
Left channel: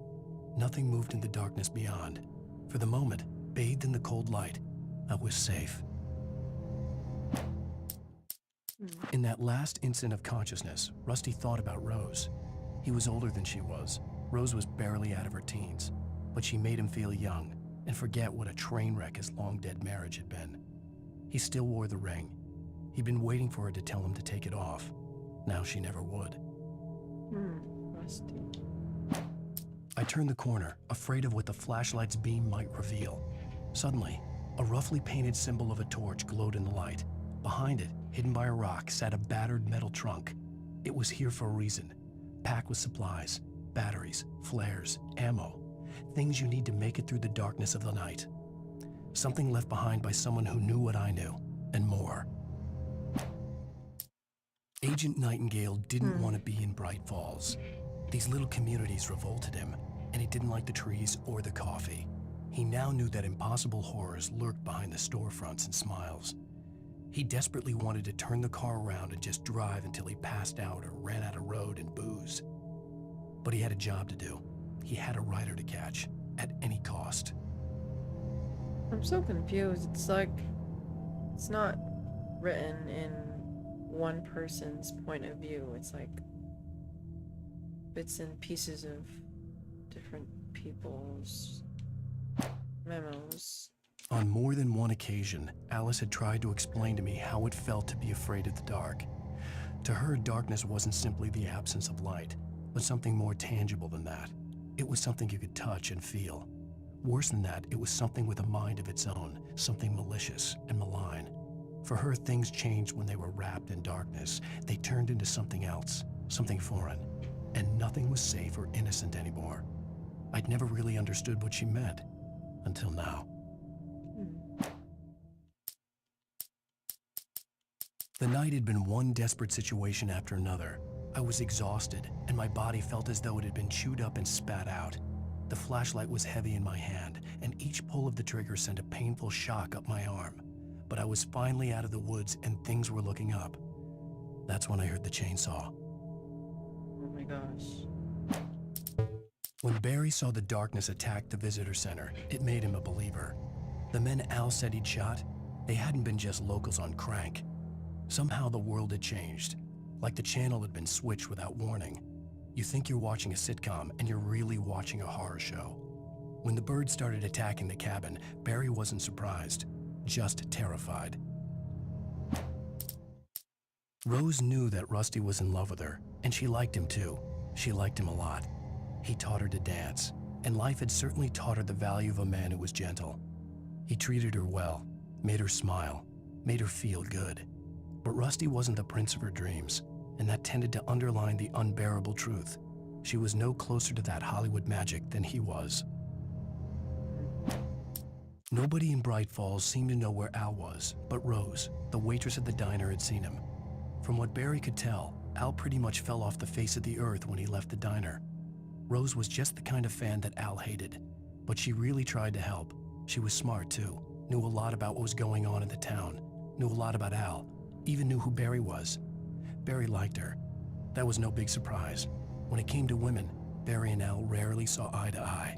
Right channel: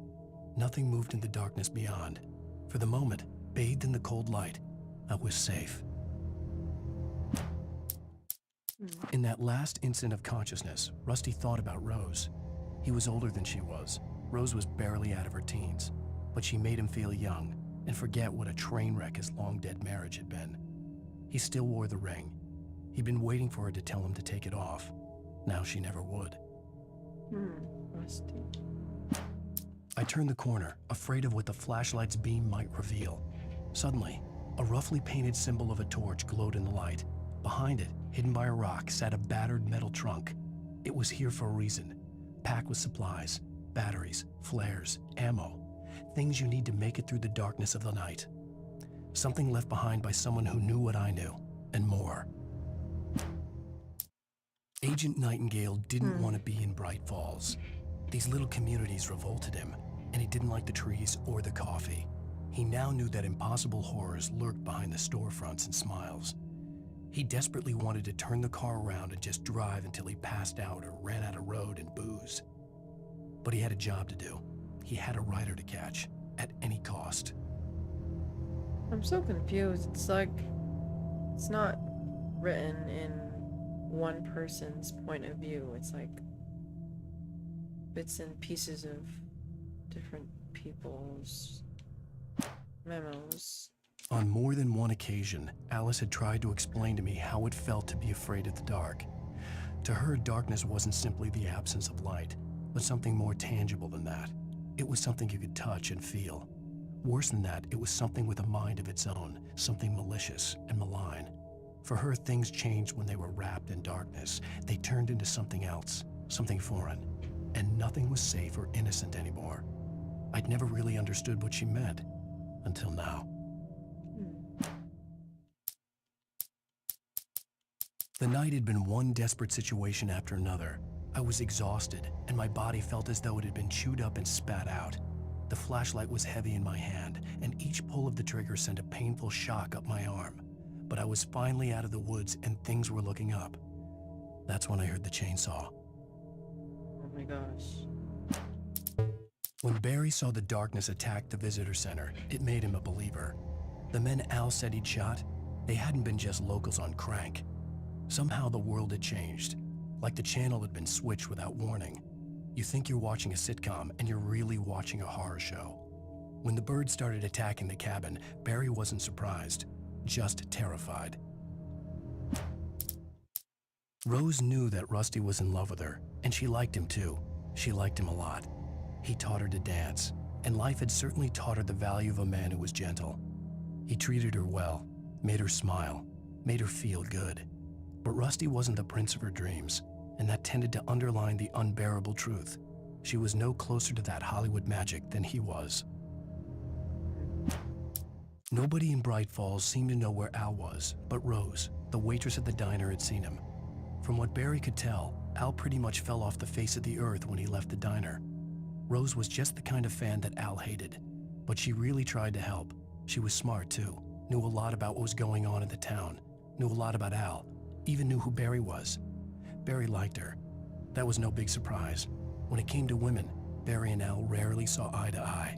Nothing moved in the darkness beyond. For the moment, bathed in the cold light, I was safe. In that last instant of consciousness, Rusty thought about Rose. He was older than she was. Rose was barely out of her teens, but she made him feel young and forget what a train wreck his long-dead marriage had been. He still wore the ring. He'd been waiting for her to tell him to take it off. Now she never would. Rusty. I turned the corner, afraid of what the flashlight's beam might reveal. Suddenly, a roughly painted symbol of a torch glowed in the light. Behind it, hidden by a rock, sat a battered metal trunk. It was here for a reason, packed with supplies, batteries, flares, ammo, things you need to make it through the darkness of the night. Something left behind by someone who knew what I knew, and more. Agent Nightingale didn't want to be in Bright Falls. These little communities revolted him, and he didn't like the trees or the coffee. He now knew that impossible horrors lurked behind the storefronts and smiles. He desperately wanted to turn the car around and just drive until he passed out or ran out of road and booze. But he had a job to do. He had a rider to catch, at any cost. I'm so confused. It's like, it's not written in one person's point of view. It's like bits and pieces of different people's memos. On more than one occasion, Alice had tried to explain to me how it felt to be afraid of the dark. To her, darkness wasn't simply the absence of light, but something more tangible than that. It was something you could touch and feel. Worse than that, it was something with a mind of its own, something malicious and malign. For her, things changed when they were wrapped in darkness. They turned into something else, something foreign, and nothing was safe or innocent anymore. I'd never really understood what she meant, until now. The night had been one desperate situation after another. I was exhausted, and my body felt as though it had been chewed up and spat out. The flashlight was heavy in my hand, and each pull of the trigger sent a painful shock up my arm. But I was finally out of the woods, and things were looking up. That's when I heard the chainsaw. Oh my gosh. When Barry saw the darkness attack the visitor center, it made him a believer. The men Al said he'd shot, they hadn't been just locals on crank. Somehow the world had changed, like the channel had been switched without warning. You think you're watching a sitcom, and you're really watching a horror show. When the birds started attacking the cabin, Barry wasn't surprised, just terrified. Rose knew that Rusty was in love with her, and she liked him too. She liked him a lot. He taught her to dance, and life had certainly taught her the value of a man who was gentle. He treated her well, made her smile, made her feel good. But Rusty wasn't the prince of her dreams, and that tended to underline the unbearable truth. She was no closer to that Hollywood magic than he was. Nobody in Bright Falls seemed to know where Al was, but Rose, the waitress at the diner, had seen him. From what Barry could tell, Al pretty much fell off the face of the earth when he left the diner. Rose was just the kind of fan that Al hated, but she really tried to help. She was smart too, knew a lot about what was going on in the town, knew a lot about Al, even knew who Barry was. Barry liked her. That was no big surprise. When it came to women, Barry and Al rarely saw eye to eye.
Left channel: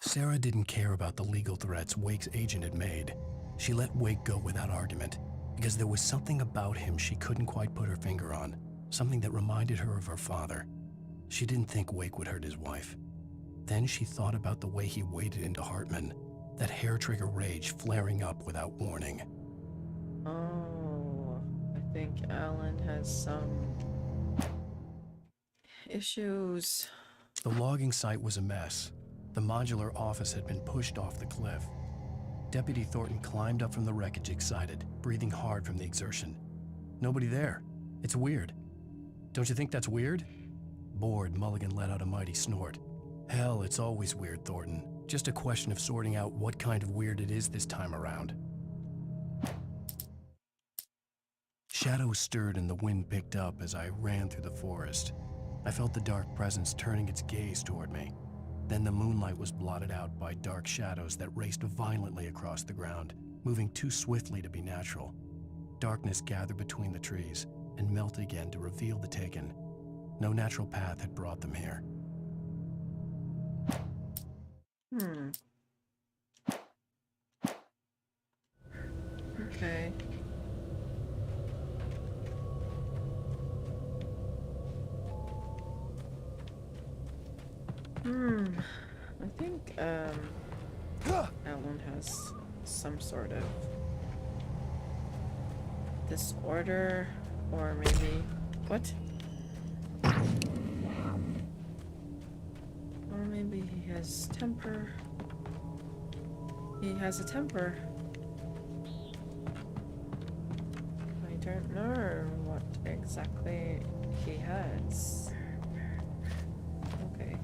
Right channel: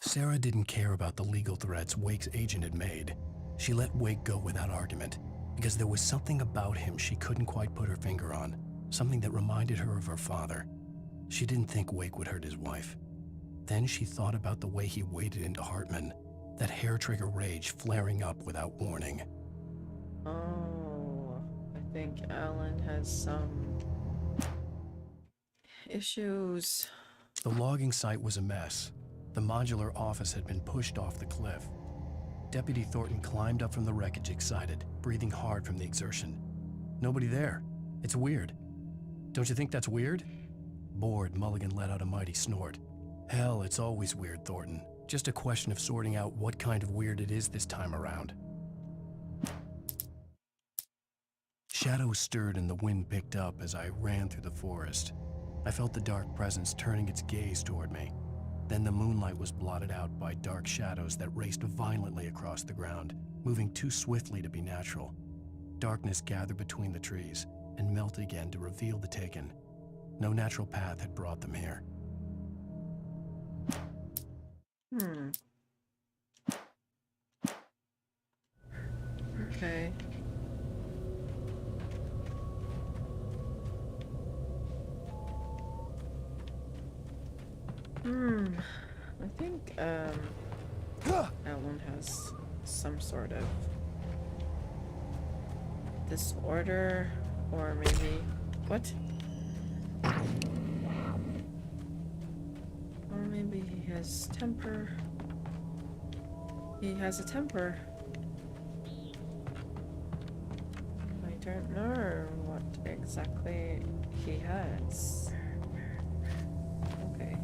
Sarah didn't care about the legal threats Wake's agent had made. She let Wake go without argument, because there was something about him she couldn't quite put her finger on, something that reminded her of her father. She didn't think Wake would hurt his wife. Then she thought about the way he waded into Hartman, that hair-trigger rage flaring up without warning. Oh, I think Alan has some issues. The logging site was a mess. The modular office had been pushed off the cliff. Deputy Thornton climbed up from the wreckage excited, breathing hard from the exertion. Nobody there. It's weird. Don't you think that's weird? Bored, Mulligan let out a mighty snort. Hell, it's always weird, Thornton. Just a question of sorting out what kind of weird it is this time around. Shadows stirred and the wind picked up as I ran through the forest. I felt the dark presence turning its gaze toward me. Then the moonlight was blotted out by dark shadows that raced violently across the ground, moving too swiftly to be natural. Darkness gathered between the trees and melted again to reveal the Taken. No natural path had brought them here. Okay. I think, Alan has some sort of disorder, or maybe... What? Or maybe he has temper. He has a temper. I don't know what exactly he has. Okay.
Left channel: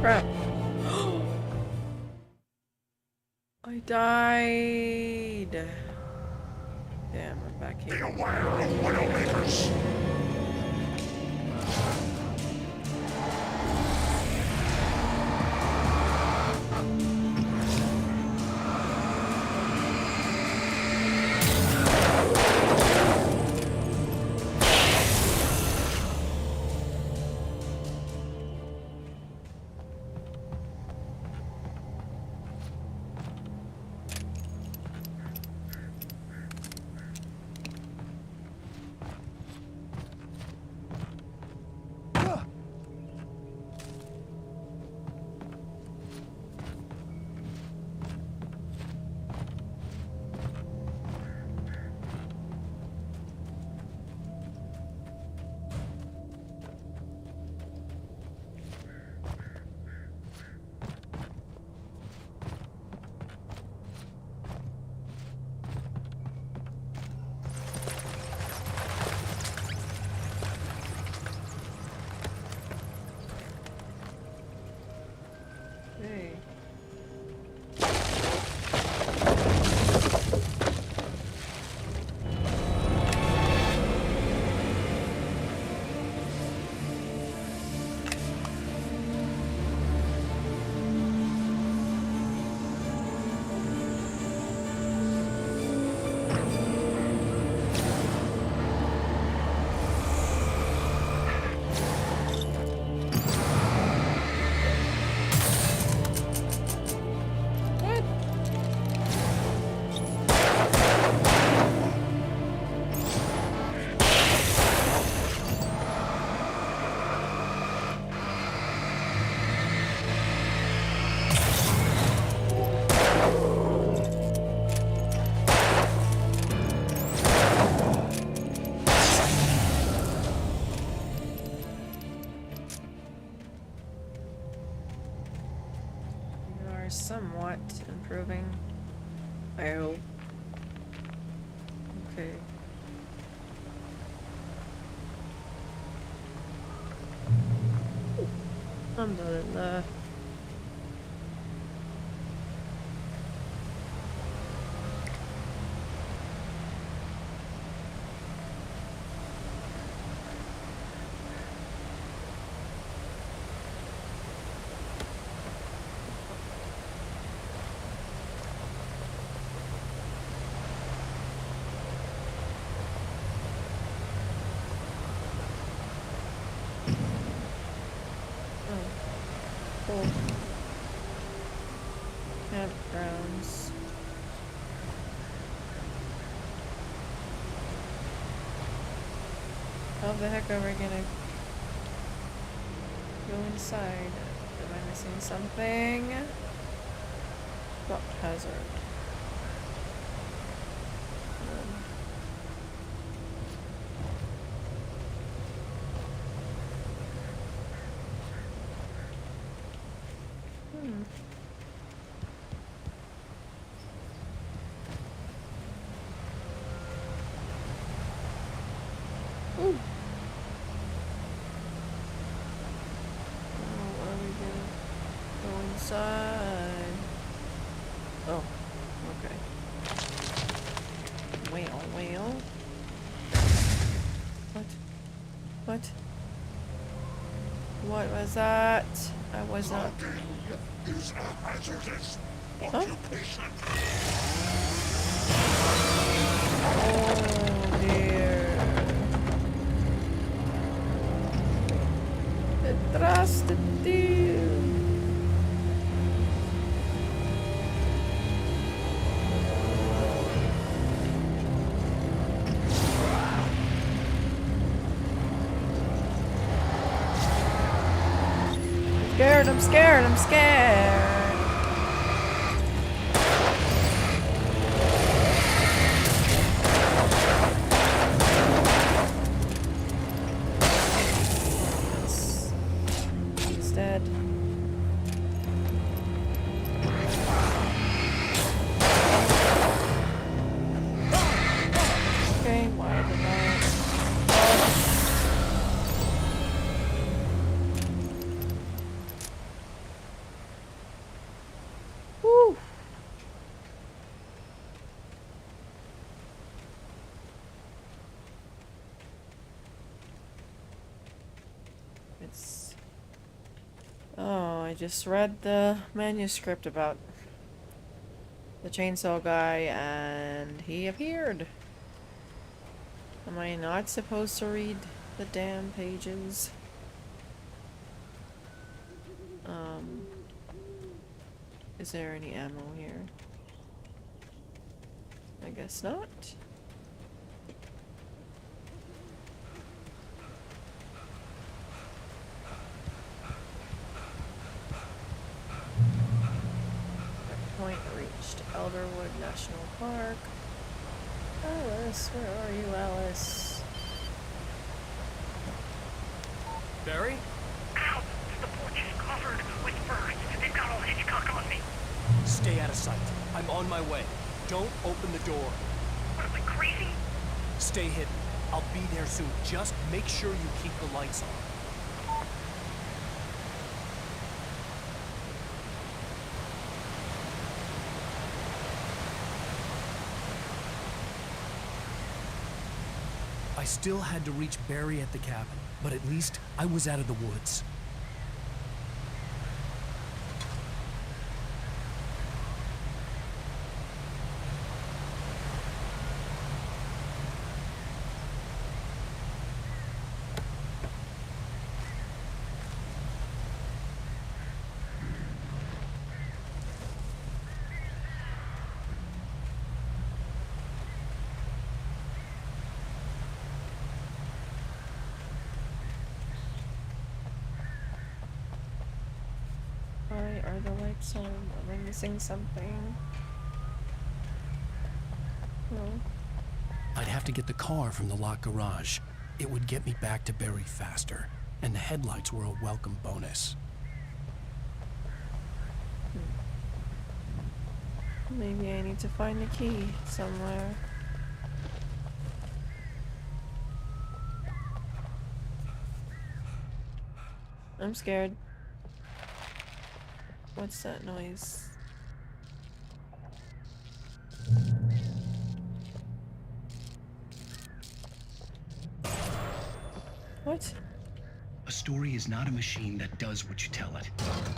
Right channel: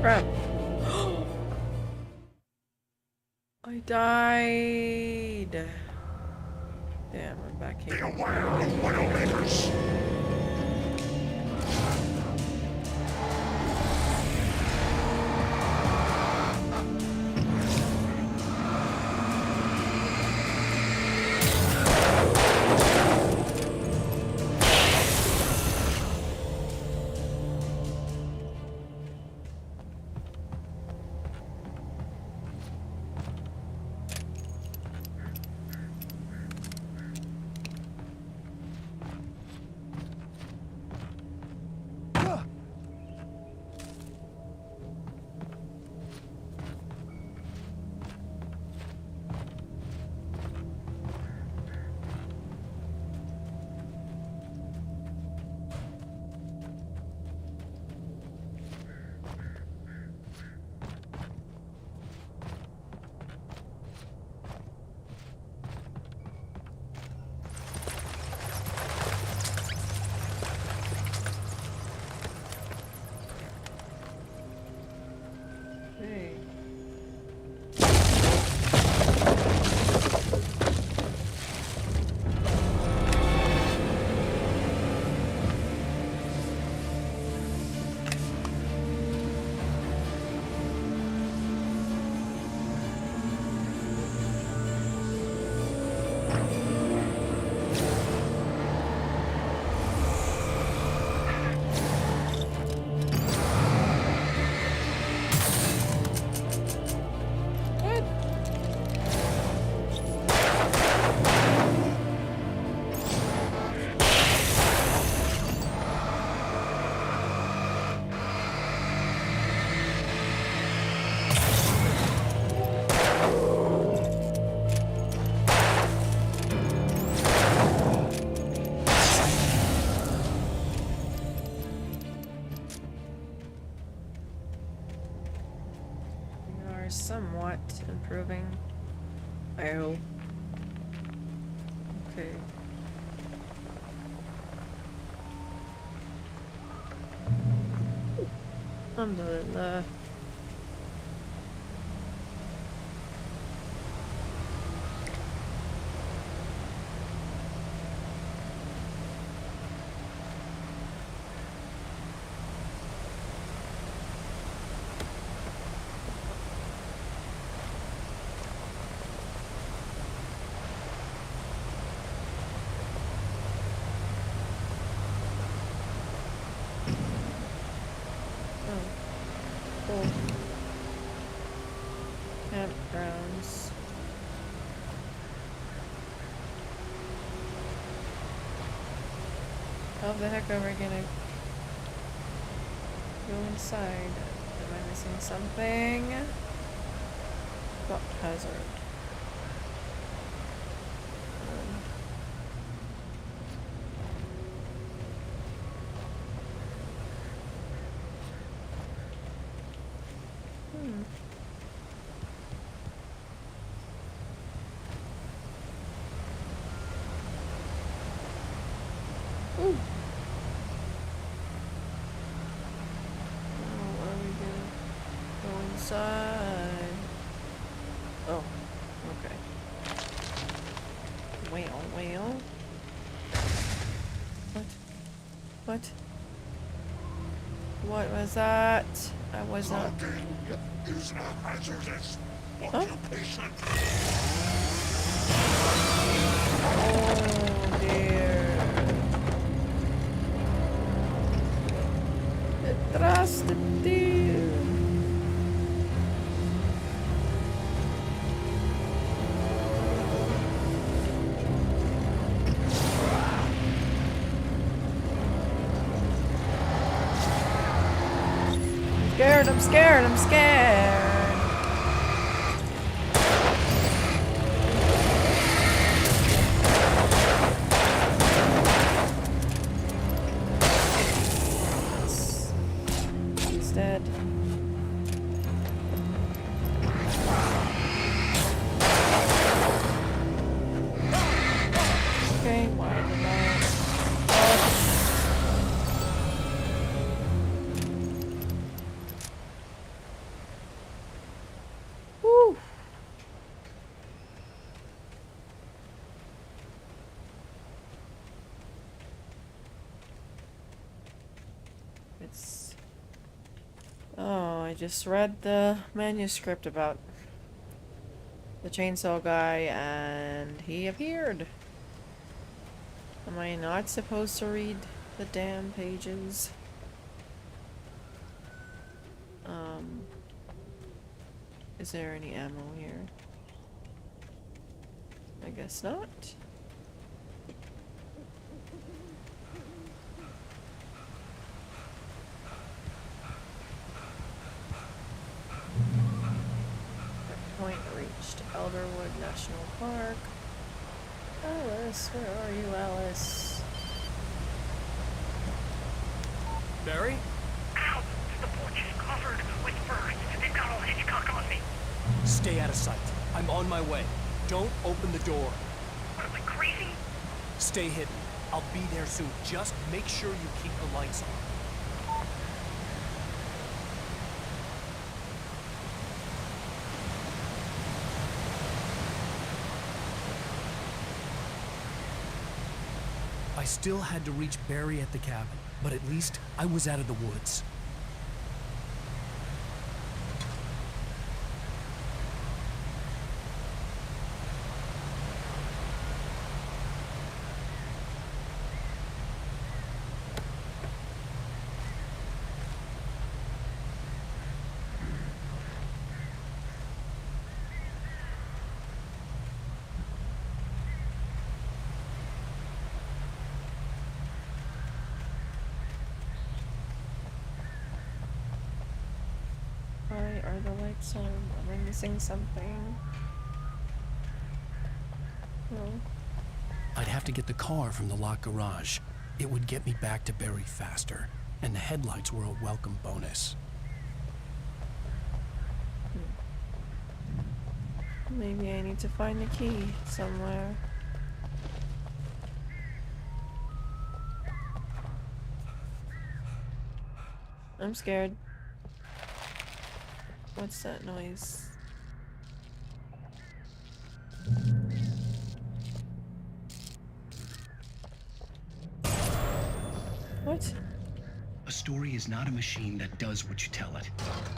Crap. I died. Damn, I'm back Be here. aware of Widowmakers. somewhat improving. I hope. Okay. Alhamdulillah. Cool. Campgrounds. How the heck are we gonna go inside? Am I missing something? Spot hazard. Ooh. Oh, are we gonna go inside? Oh, okay. Well. What? What? What was that? I was not. Is a hazardous Huh? occupation. Oh dear. Detrás de ti. I'm scared. He's dead. Okay, why did I? Woo! It's... Oh, I just read the manuscript about the chainsaw guy and he appeared. Am I not supposed to read the damn pages? Is there any ammo here? I guess not. Point reached. Elderwood National Park. Alice, where are you, Alice? Barry? Ow! The porch is covered with birds. They've got old Hitchcock on me. Stay out of sight. I'm on my way. Don't open the door. What am I, crazy? Stay hidden. I'll be there soon. Just make sure you keep the lights on. I still had to reach Barry at the cabin, but at least I was out of the woods. Why are the lights on? Am I missing something? No. I'd have to get the car from the locked garage. It would get me back to Barry faster, and the headlights were a welcome bonus. Maybe I need to find the key somewhere. I'm scared. What's that noise? What? A story is not a machine that does what you tell it.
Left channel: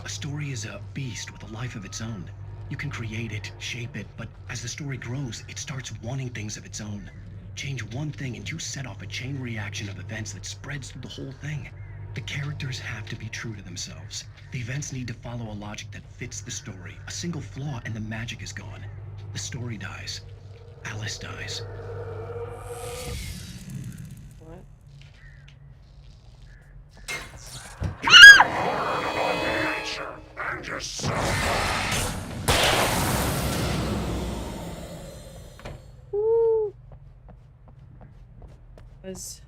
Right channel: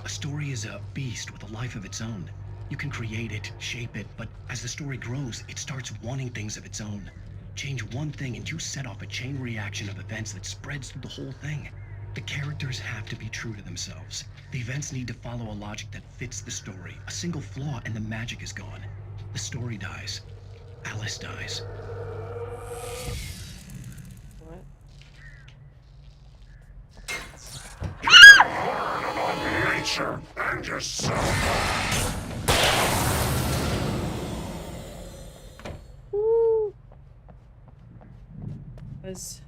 A story is a beast with a life of its own. You can create it, shape it, but as the story grows, it starts wanting things of its own. Change one thing and you set off a chain reaction of events that spreads through the whole thing. The characters have to be true to themselves. The events need to follow a logic that fits the story. A single flaw and the magic is gone. The story dies. Alice dies. What? Nature and yourself. Woo! Was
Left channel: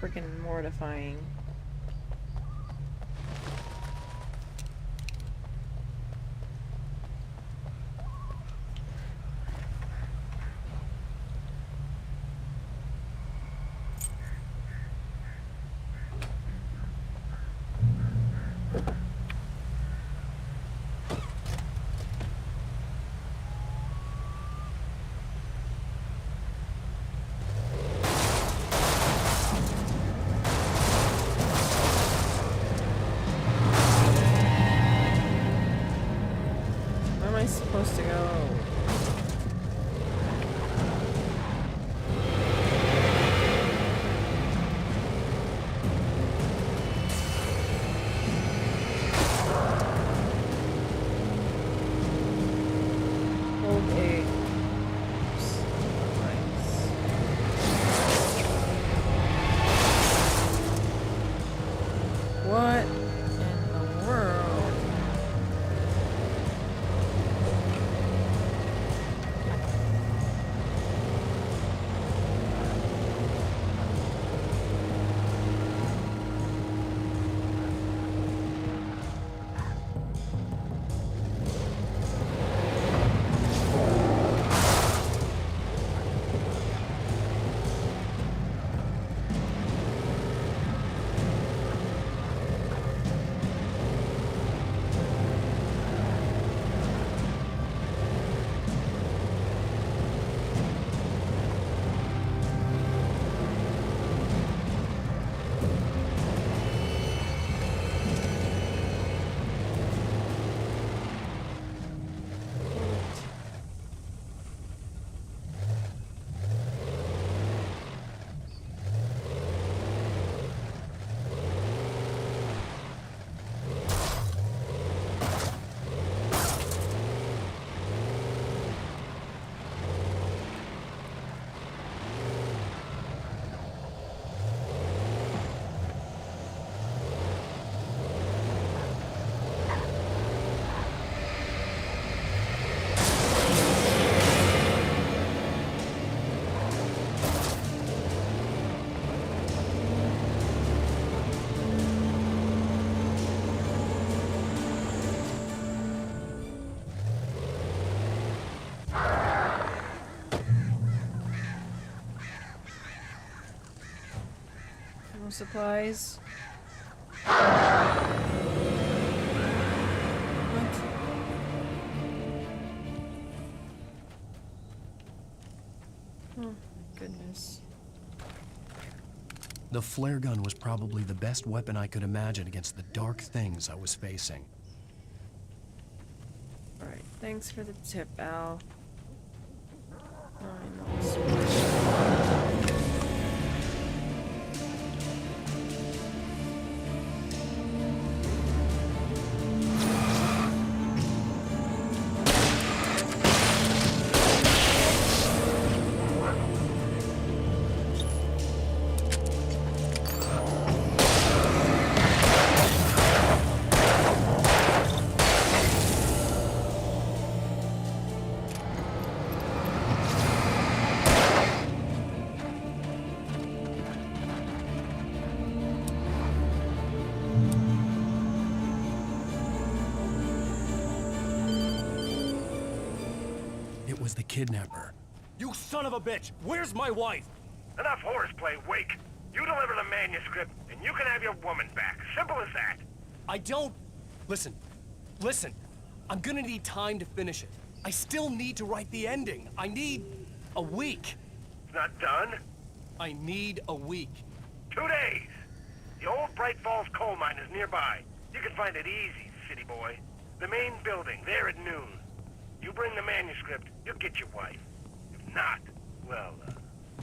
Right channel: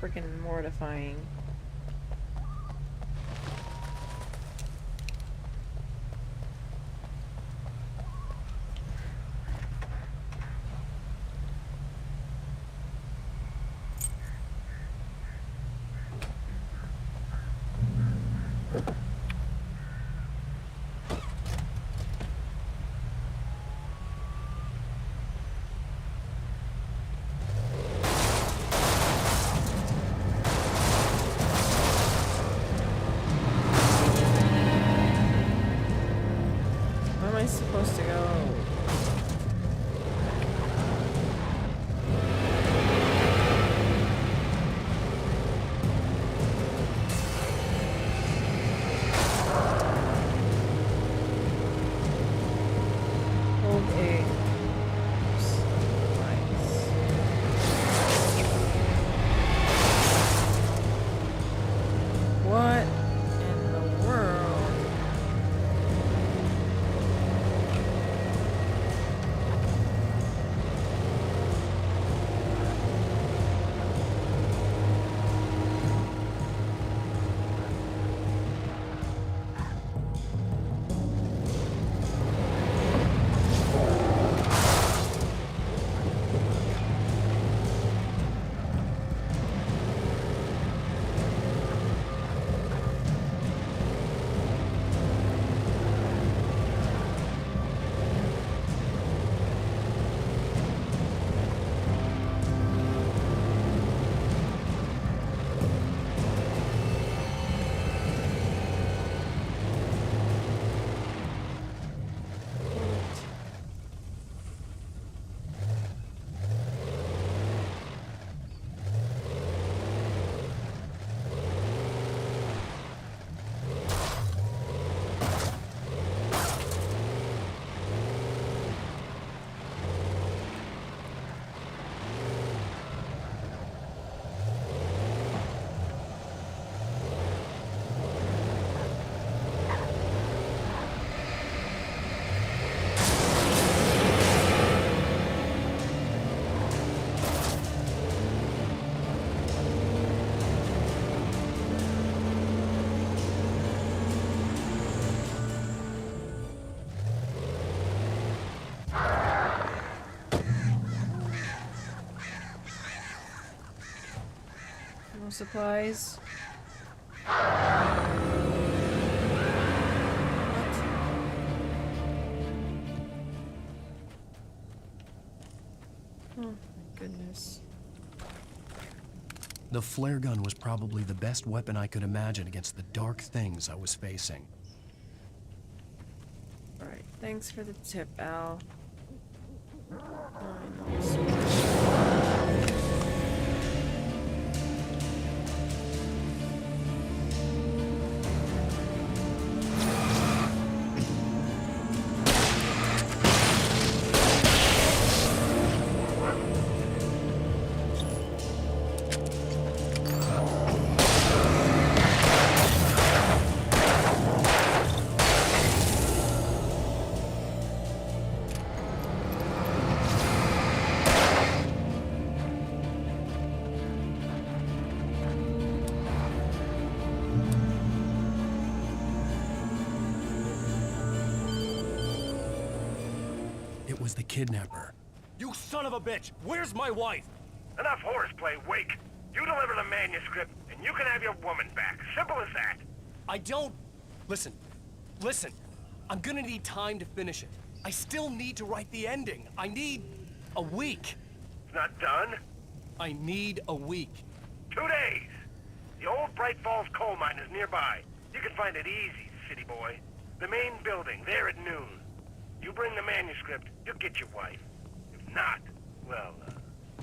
freaking mortifying. Where am I supposed to go? Hold A. Oops. Nice. What in the world? No supplies. What? Oh my goodness. The flare gun was probably the best weapon I could imagine against the dark things I was facing. Alright, thanks for the tip, Al. I know. It was the kidnapper. You son of a bitch! Where's my wife? Enough horseplay, Wake. You deliver the manuscript, and you can have your woman back. Simple as that. I don't... Listen. I'm gonna need time to finish it. I still need to write the ending. I need a week. It's not done. I need a week. 2 days. The old Bright Falls coal mine is nearby. You can find it easy, city boy. The main building, there at noon. You bring the manuscript, you'll get your wife. If not, well,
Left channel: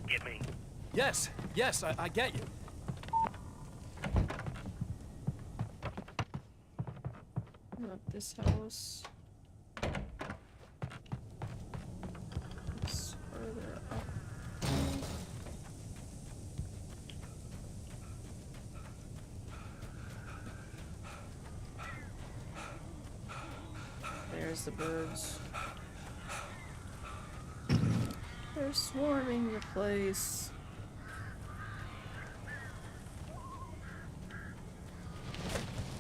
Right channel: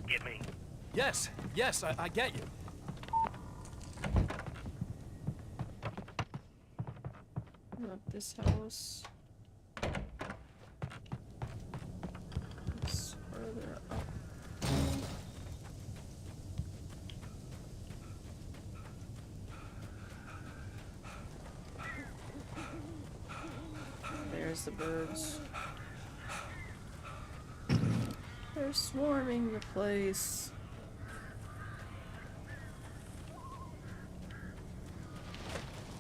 get me. Yes, I get you. Not this house. It's further up. There's the birds. They're swarming the place.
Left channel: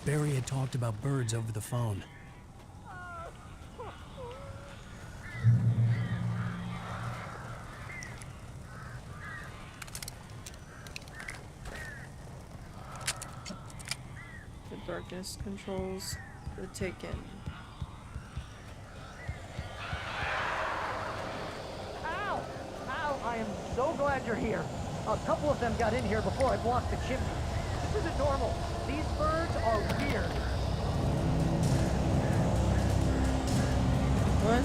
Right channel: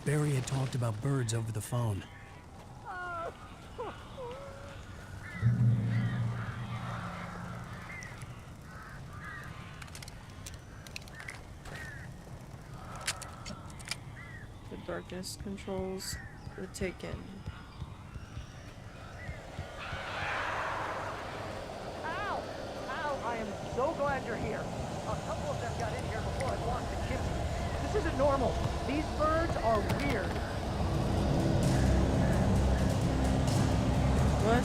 Barry had talked about birds over the phone. The darkness controls the Taken. Ow! Ow! I am so glad you're here. A couple of them got in here before I blocked the chimney. This isn't normal. These birds are weird. What?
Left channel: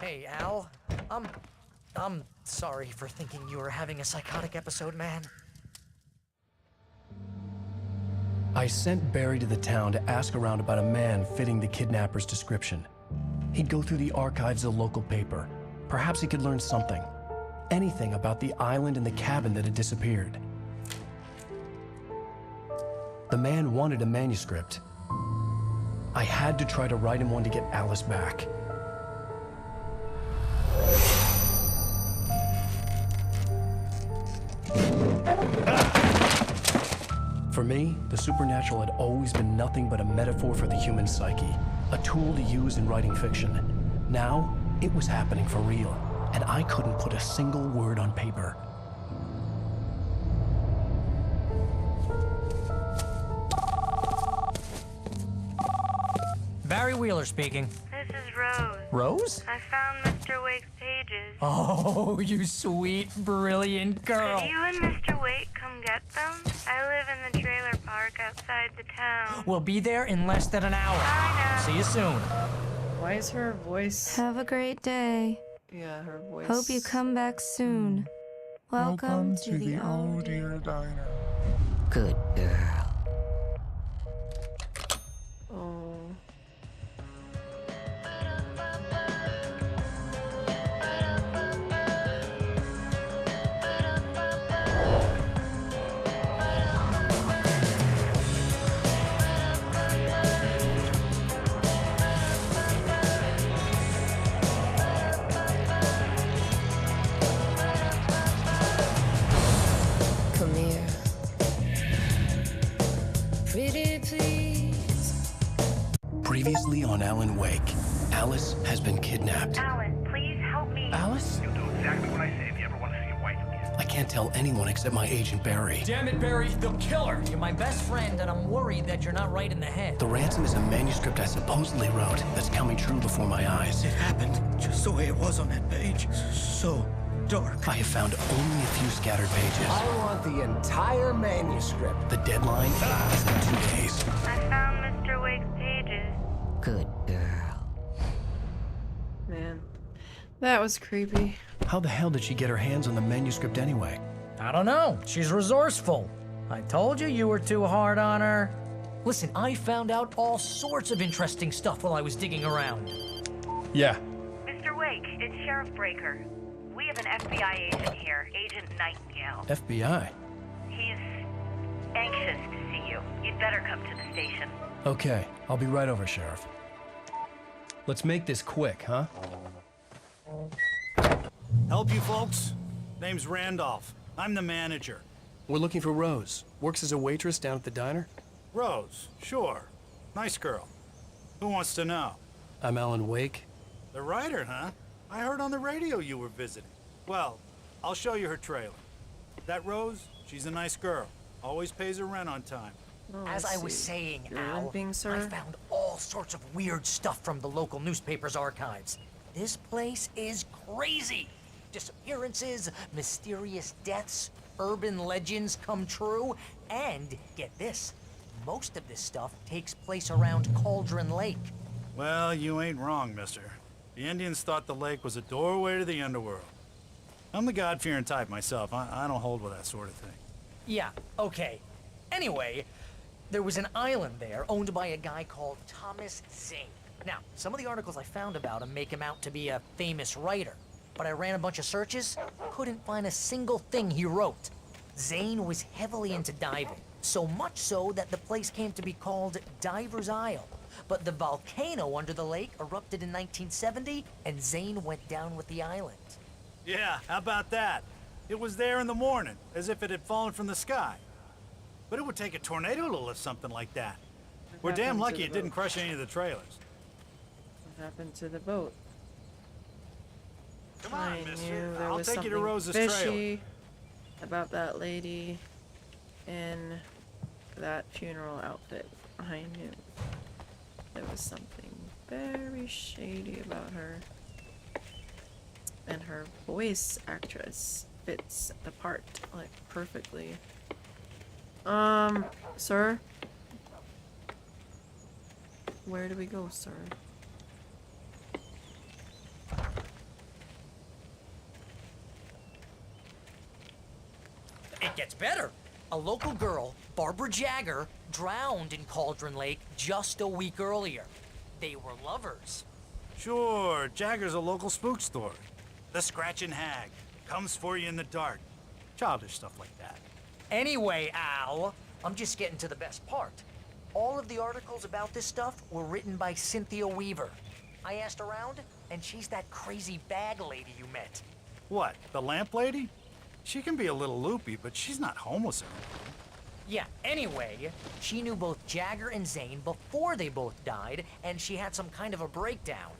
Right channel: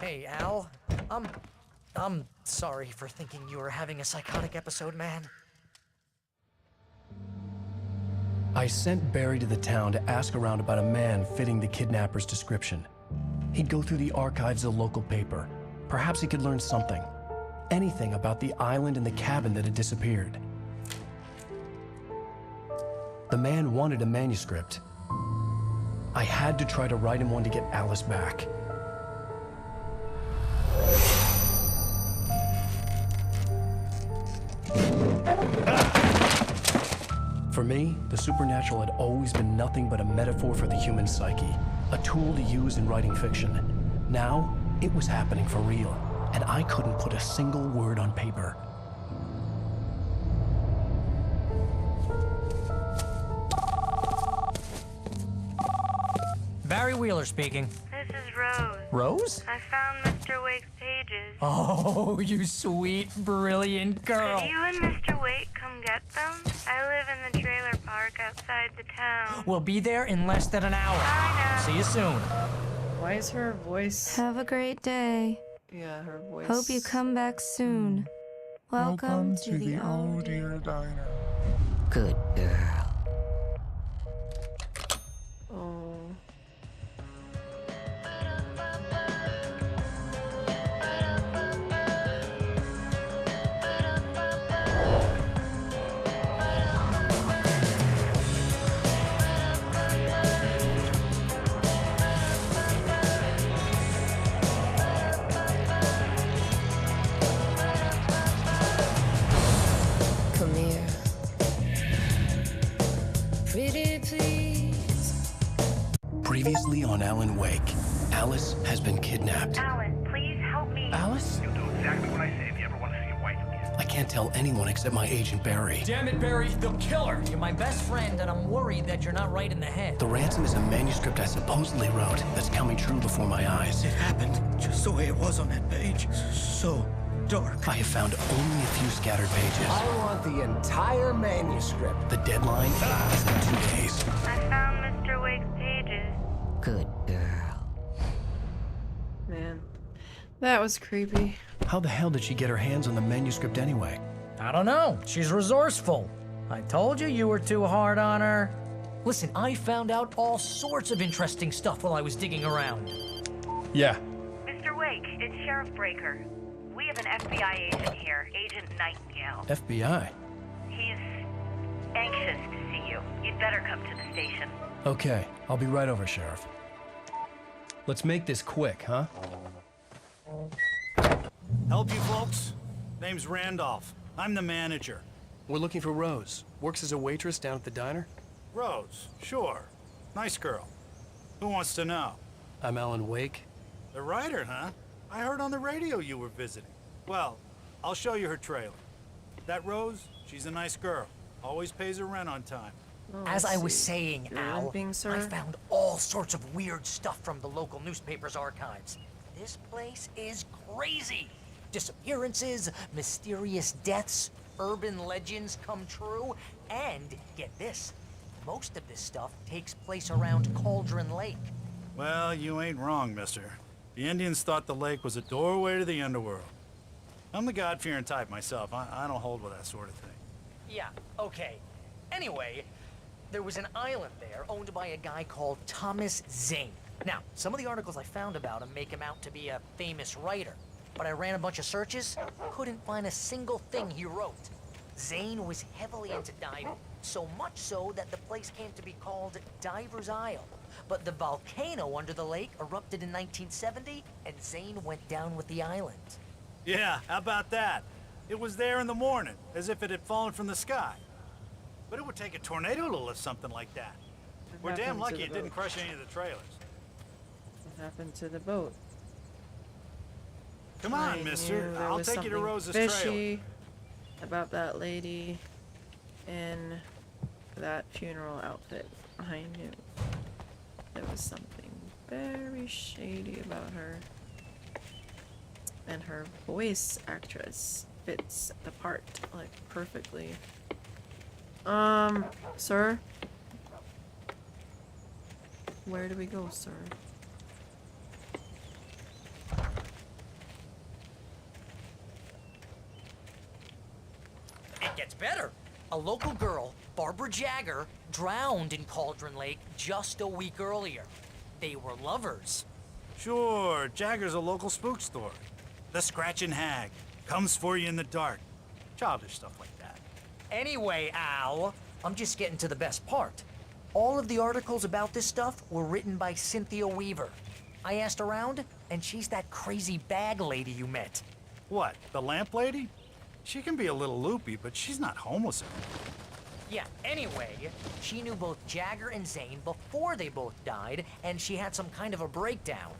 Hey, Al. I'm sorry for thinking you were having a psychotic episode, man. I sent Barry to the town to ask around about a man fitting the kidnapper's description. He'd go through the archives of the local paper. Perhaps he could learn something. Anything about the island and the cabin that had disappeared. The man wanted a manuscript. I had to try to write him one to get Alice back. For me, the supernatural had always been nothing but a metaphor for the human psyche, a tool to use in writing fiction. Now, it was happening for real, and I couldn't put a single word on paper. Barry Wheeler speaking. This is Rose. Rose? I found Mr. Wake's pages. Oh, you sweet, brilliant girl. Could you and Mr. Wake come get them? I live in the trailer park outside the town. We'll be there in less than an hour. Bye now. See you soon. Why is her voice? Have a great day. Yeah, her voice. Hope you come back soon. Welcome to the Oh Dear Diner. Good girl. Oh. Come here. Pretty please. Previously on Alan Wake, Alice has been kidnapped. Alan, please help me. Alice? You'll do exactly what I say if you ever want to see your wife again. I can't tell anyone except my agent Barry. Damn it, Barry, they'll kill her. You're my best friend, and I'm worried that you're not right in the head. The ransom is a manuscript I supposedly wrote that's coming true before my eyes. It happened just the way it was on that page. So dark. I have found only a few scattered pages. I want the entire manuscript. The deadline is in 2 days. I found Mr. Wake's pages. Good girl. Man. That was creepy. How the hell did she get her hands on the manuscript anyway? I don't know. She's resourceful. I told you you were too hard on her. Listen, I found out all sorts of interesting stuff while I was digging around. Yeah. Mr. Wake, it's Sheriff Breaker. We have an FBI agent here, Agent Nightingale. FBI. He's anxious to see you. You'd better come to the station. Okay, I'll be right over, Sheriff. Let's make this quick, huh? Help you folks? Name's Randolph. I'm the manager. We're looking for Rose. Works as a waitress down at the diner. Rose, sure. Nice girl. Who wants to know? I'm Alan Wake. The writer, huh? I heard on the radio you were visiting. Well, I'll show you her trailer. That Rose, she's a nice girl. Always pays her rent on time. Oh, As I was see. saying, You're Al, limping, sir? I found all sorts of weird stuff from the local newspaper's archives. This place is crazy. Disappearances, mysterious deaths, urban legends come true, and get this, most of this stuff takes place around Cauldron Lake. Well, you ain't wrong, mister. The Indians thought the lake was a doorway to the underworld. I'm the God-fearing type myself. I don't hold with that sort of thing. Yeah, okay. Anyway, there was an island there owned by a guy called Thomas Zane. Now, some of the articles I found about him make him out to be a famous writer, but I ran a bunch of searches, couldn't find a single thing he wrote. Zane was heavily into diving, so much so that the place came to be called Diver's Isle. But the volcano under the lake erupted in 1970, and Zane went down with the island. Yeah, how about that? It was there in the morning, as if it had fallen from the sky. But it would take a tornado to lift something like that. We're damn happened to lucky the it didn't boat? crush any of the trailers. What happened to the boat? Come I on, mister. knew there I'll was take you to something Rose's trailer. fishy about that lady in that funeral outfit. I knew there was something very shady about her. And her voice actress fits the part, like, perfectly. Sir? Where do we go, sir? It gets better. A local girl, Barbara Jagger, drowned in Cauldron Lake just a week earlier. They were lovers. Sure, Jagger's a local spook story. The Scratching Hag comes for you in the dark. Childish stuff like that. Anyway, Al, I'm just getting to the best part. All of the articles about this stuff were written by Cynthia Weaver. I asked around, and she's that crazy bag lady you met. What, the lamp lady? She can be a little loopy, but she's not homeless or anything. Yeah, anyway, she knew both Jagger and Zane before they both died, and she had some kind of a breakdown.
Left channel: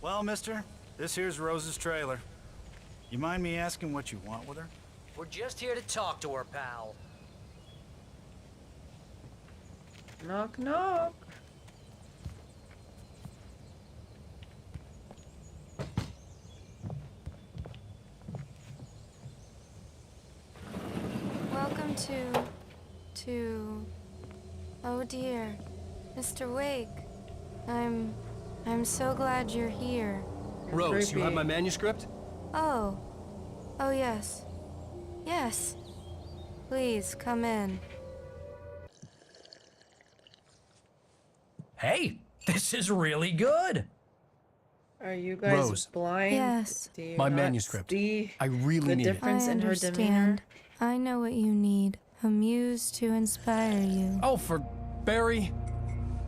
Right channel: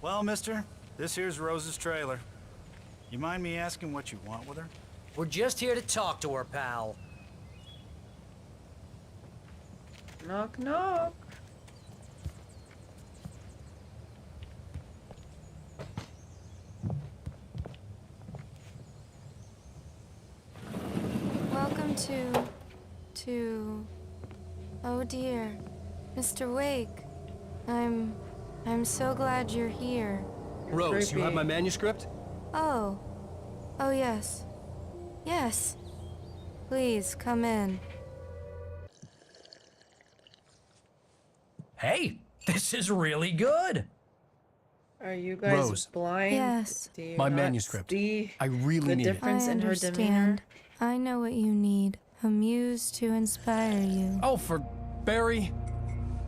Well, mister, this here's Rose's trailer. You mind me asking what you want with her? We're just here to talk to her, pal. Knock, knock. Welcome to... Oh dear, Mr. Wake. I'm so glad you're here. Rose, you have my manuscript? Oh. Oh, yes. Yes. Please, come in. Hey, this is really good. Are you guys Rose. blind? Yes. Do you My not manuscript. see I really the need it. difference I in her demeanor? understand. I know what you need. A muse to inspire you. Oh, for Barry?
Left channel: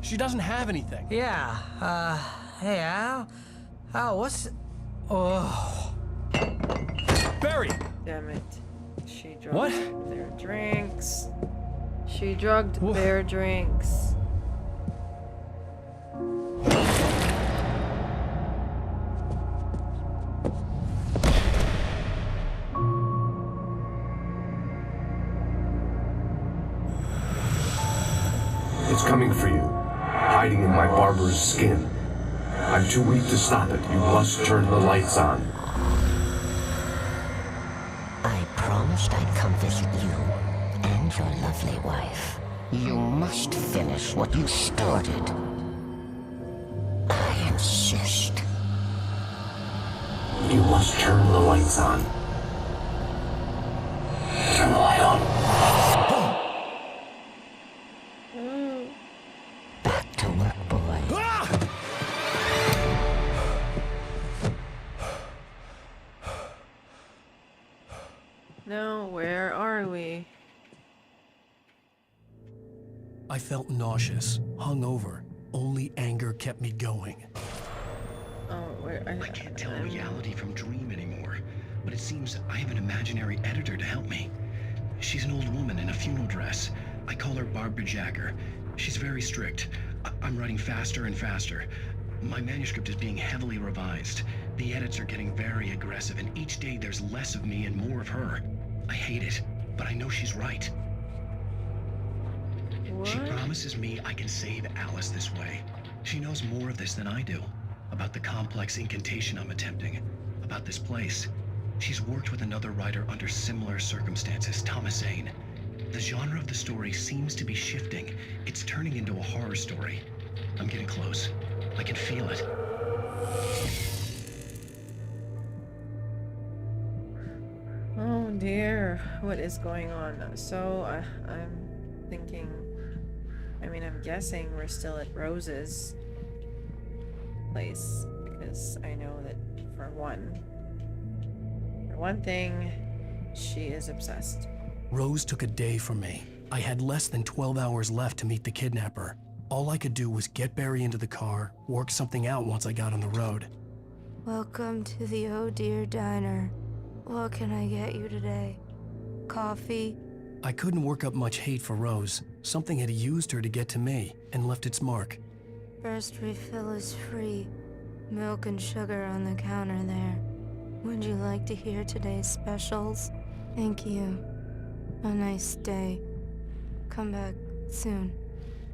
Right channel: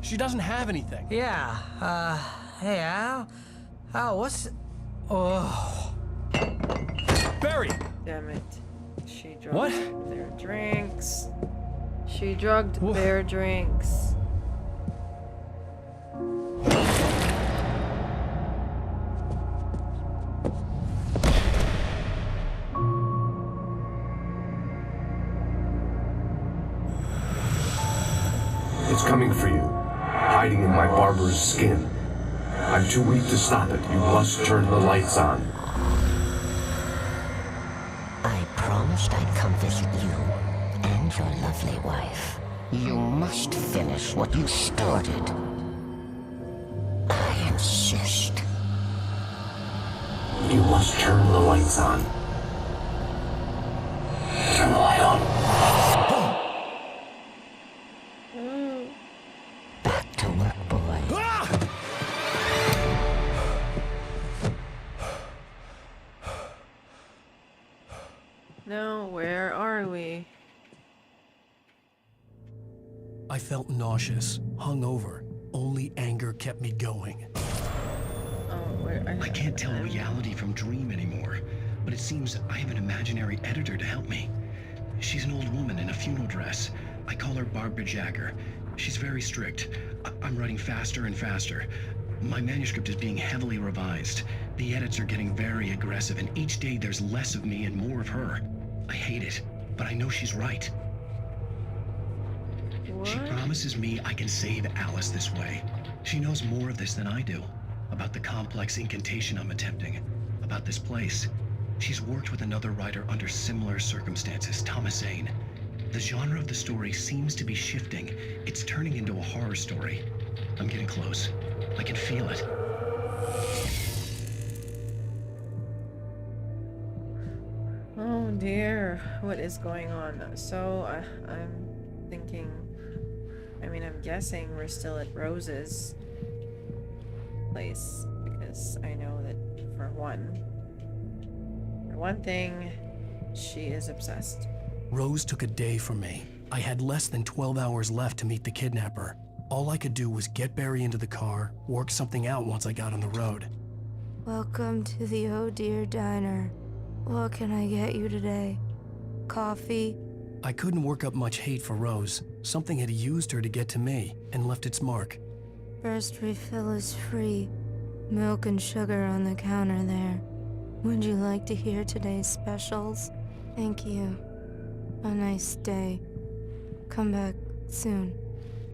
She doesn't have anything. Yeah, hey, Al, what's... Oh... Barry! Damn it. She drugged What? their drinks. She drugged Wha- their drinks. It's coming for you, hiding in my barber's skin. I'm too weak to stop it. You must turn the lights on. I promised I'd come visit you and your lovely wife. You must finish what you started. I insist. You must turn the lights on. Turn the light on. Back to work, boy. No, where are we? I felt nauseous, hungover. Only anger kept me going. Oh, where? I can't tell reality from dream anymore, but it seems I have an imaginary editor to help me. She's an old woman in a funeral dress. I call her Barbara Jagger. She's very strict. I'm writing faster and faster. My manuscript is being heavily revised. The edits are getting very aggressive, and each day there's less of me and more of her. I hate it, but I know she's right. What? She promises me I can save Alice this way. She knows more of this than I do. About the complex incantation I'm attempting. About this place. She's worked with another writer under similar circumstances, Thomas Zane. The genre of the story seems to be shifting. It's turning into a horror story. I'm getting close. I can feel it. Oh dear, what is going on? So, I'm thinking... I'm guessing we're still at Rose's place, because I know that for one thing, she is obsessed. Rose took a day from me. I had less than 12 hours left to meet the kidnapper. All I could do was get Barry into the car, work something out once I got on the road. Welcome to the Oh Dear Diner. What can I get you today? Coffee? I couldn't work up much hate for Rose. Something had used her to get to me and left its mark. First refill is free. Milk and sugar on the counter there. Would you like to hear today's specials? Thank you. A nice day. Come back soon.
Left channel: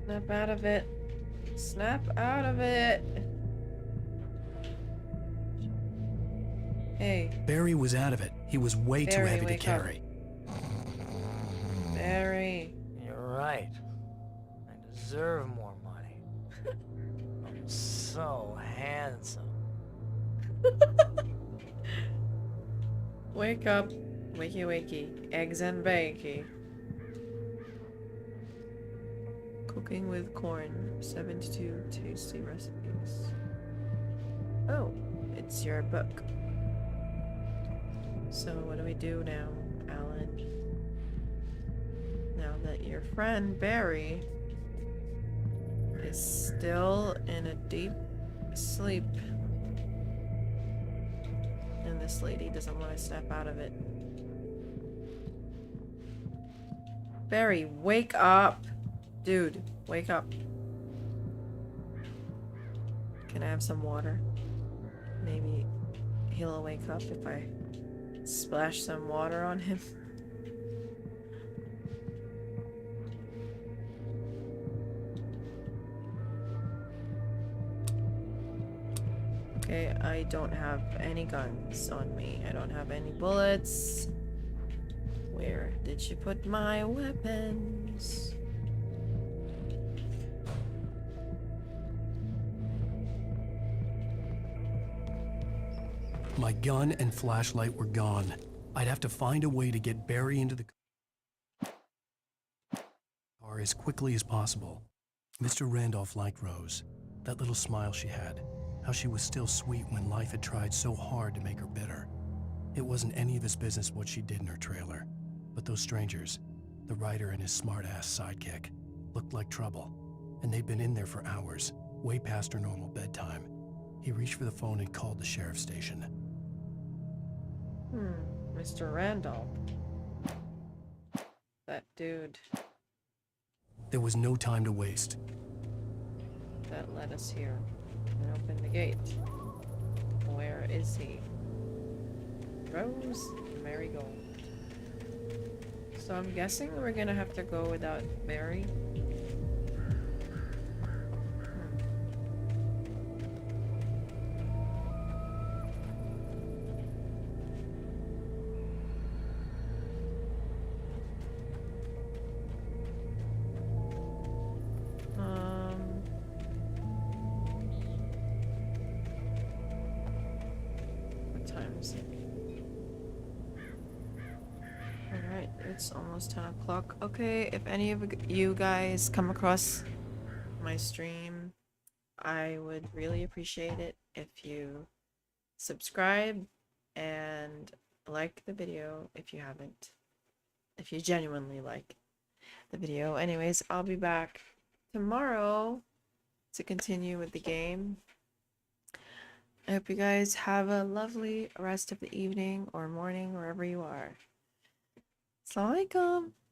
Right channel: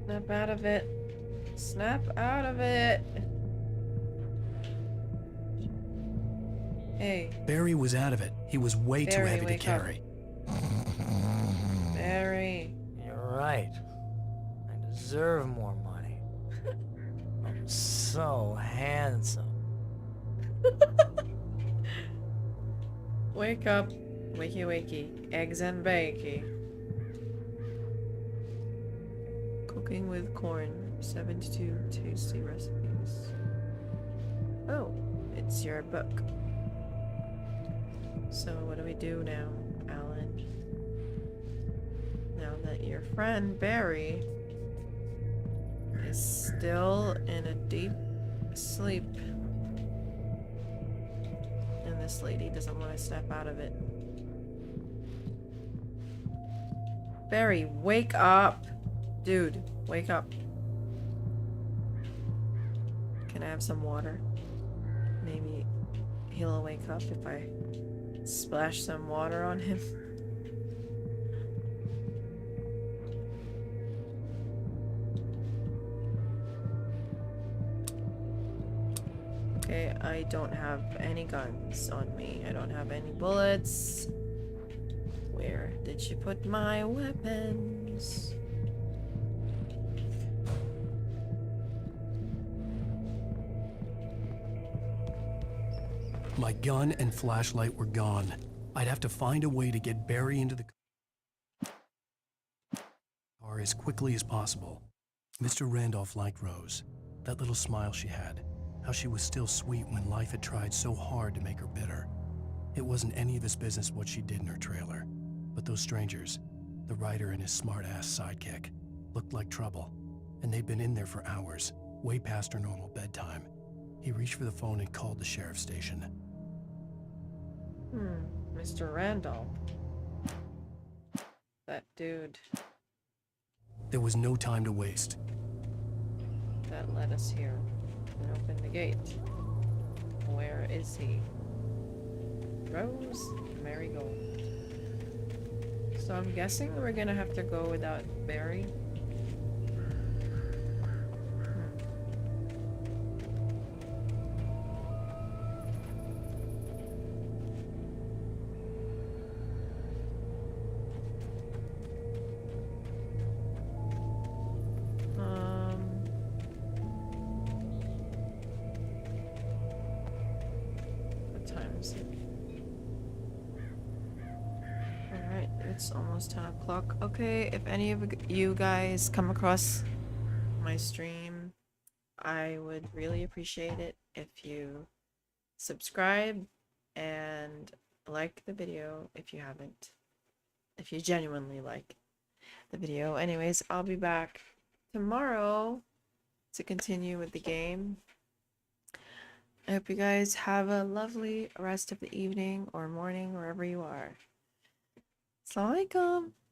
Snap out of it. Snap out of it. Hey, Barry was out of it. He was way too Barry, heavy to wake up. carry. Barry. You're right. I deserve more money. I'm so handsome. Wake up. Wakey wakey. Eggs and bakey. Cooking with corn. 72 tasty recipes. Oh, it's your book. So what do we do now, Alan? Now that your friend Barry is still in a deep sleep and this lady doesn't want to snap out of it. Barry, wake up! Dude, wake up. Can I have some water? Maybe he'll wake up if I splash some water on him. Okay, I don't have any guns on me. I don't have any bullets. Where did you put my weapons? My gun and flashlight were gone. I'd have to find a way to get Barry into the car as quickly as possible. Mr. Randolph liked Rose. That little smile she had. How she was still sweet when life had tried so hard to make her bitter. It wasn't any of his business what she did in her trailer. But those strangers, the writer and his smart-ass sidekick, looked like trouble. And they'd been in there for hours, way past her normal bedtime. He reached for the phone and called the sheriff's station. Mr. Randolph. That dude There was no time to waste. that led us here and opened the gate. Where is he? Rose Marigold. So I'm guessing we're gonna have to go without Barry. What time is it? Alright, it's almost 10 o'clock. Okay, if any of you guys come across my stream, I would really appreciate it if you subscribe and like the video if you haven't. If you genuinely like the video. Anyways, I'll be back tomorrow to continue with the game. I hope you guys have a lovely rest of the evening or morning wherever you are. Assalamualaikum.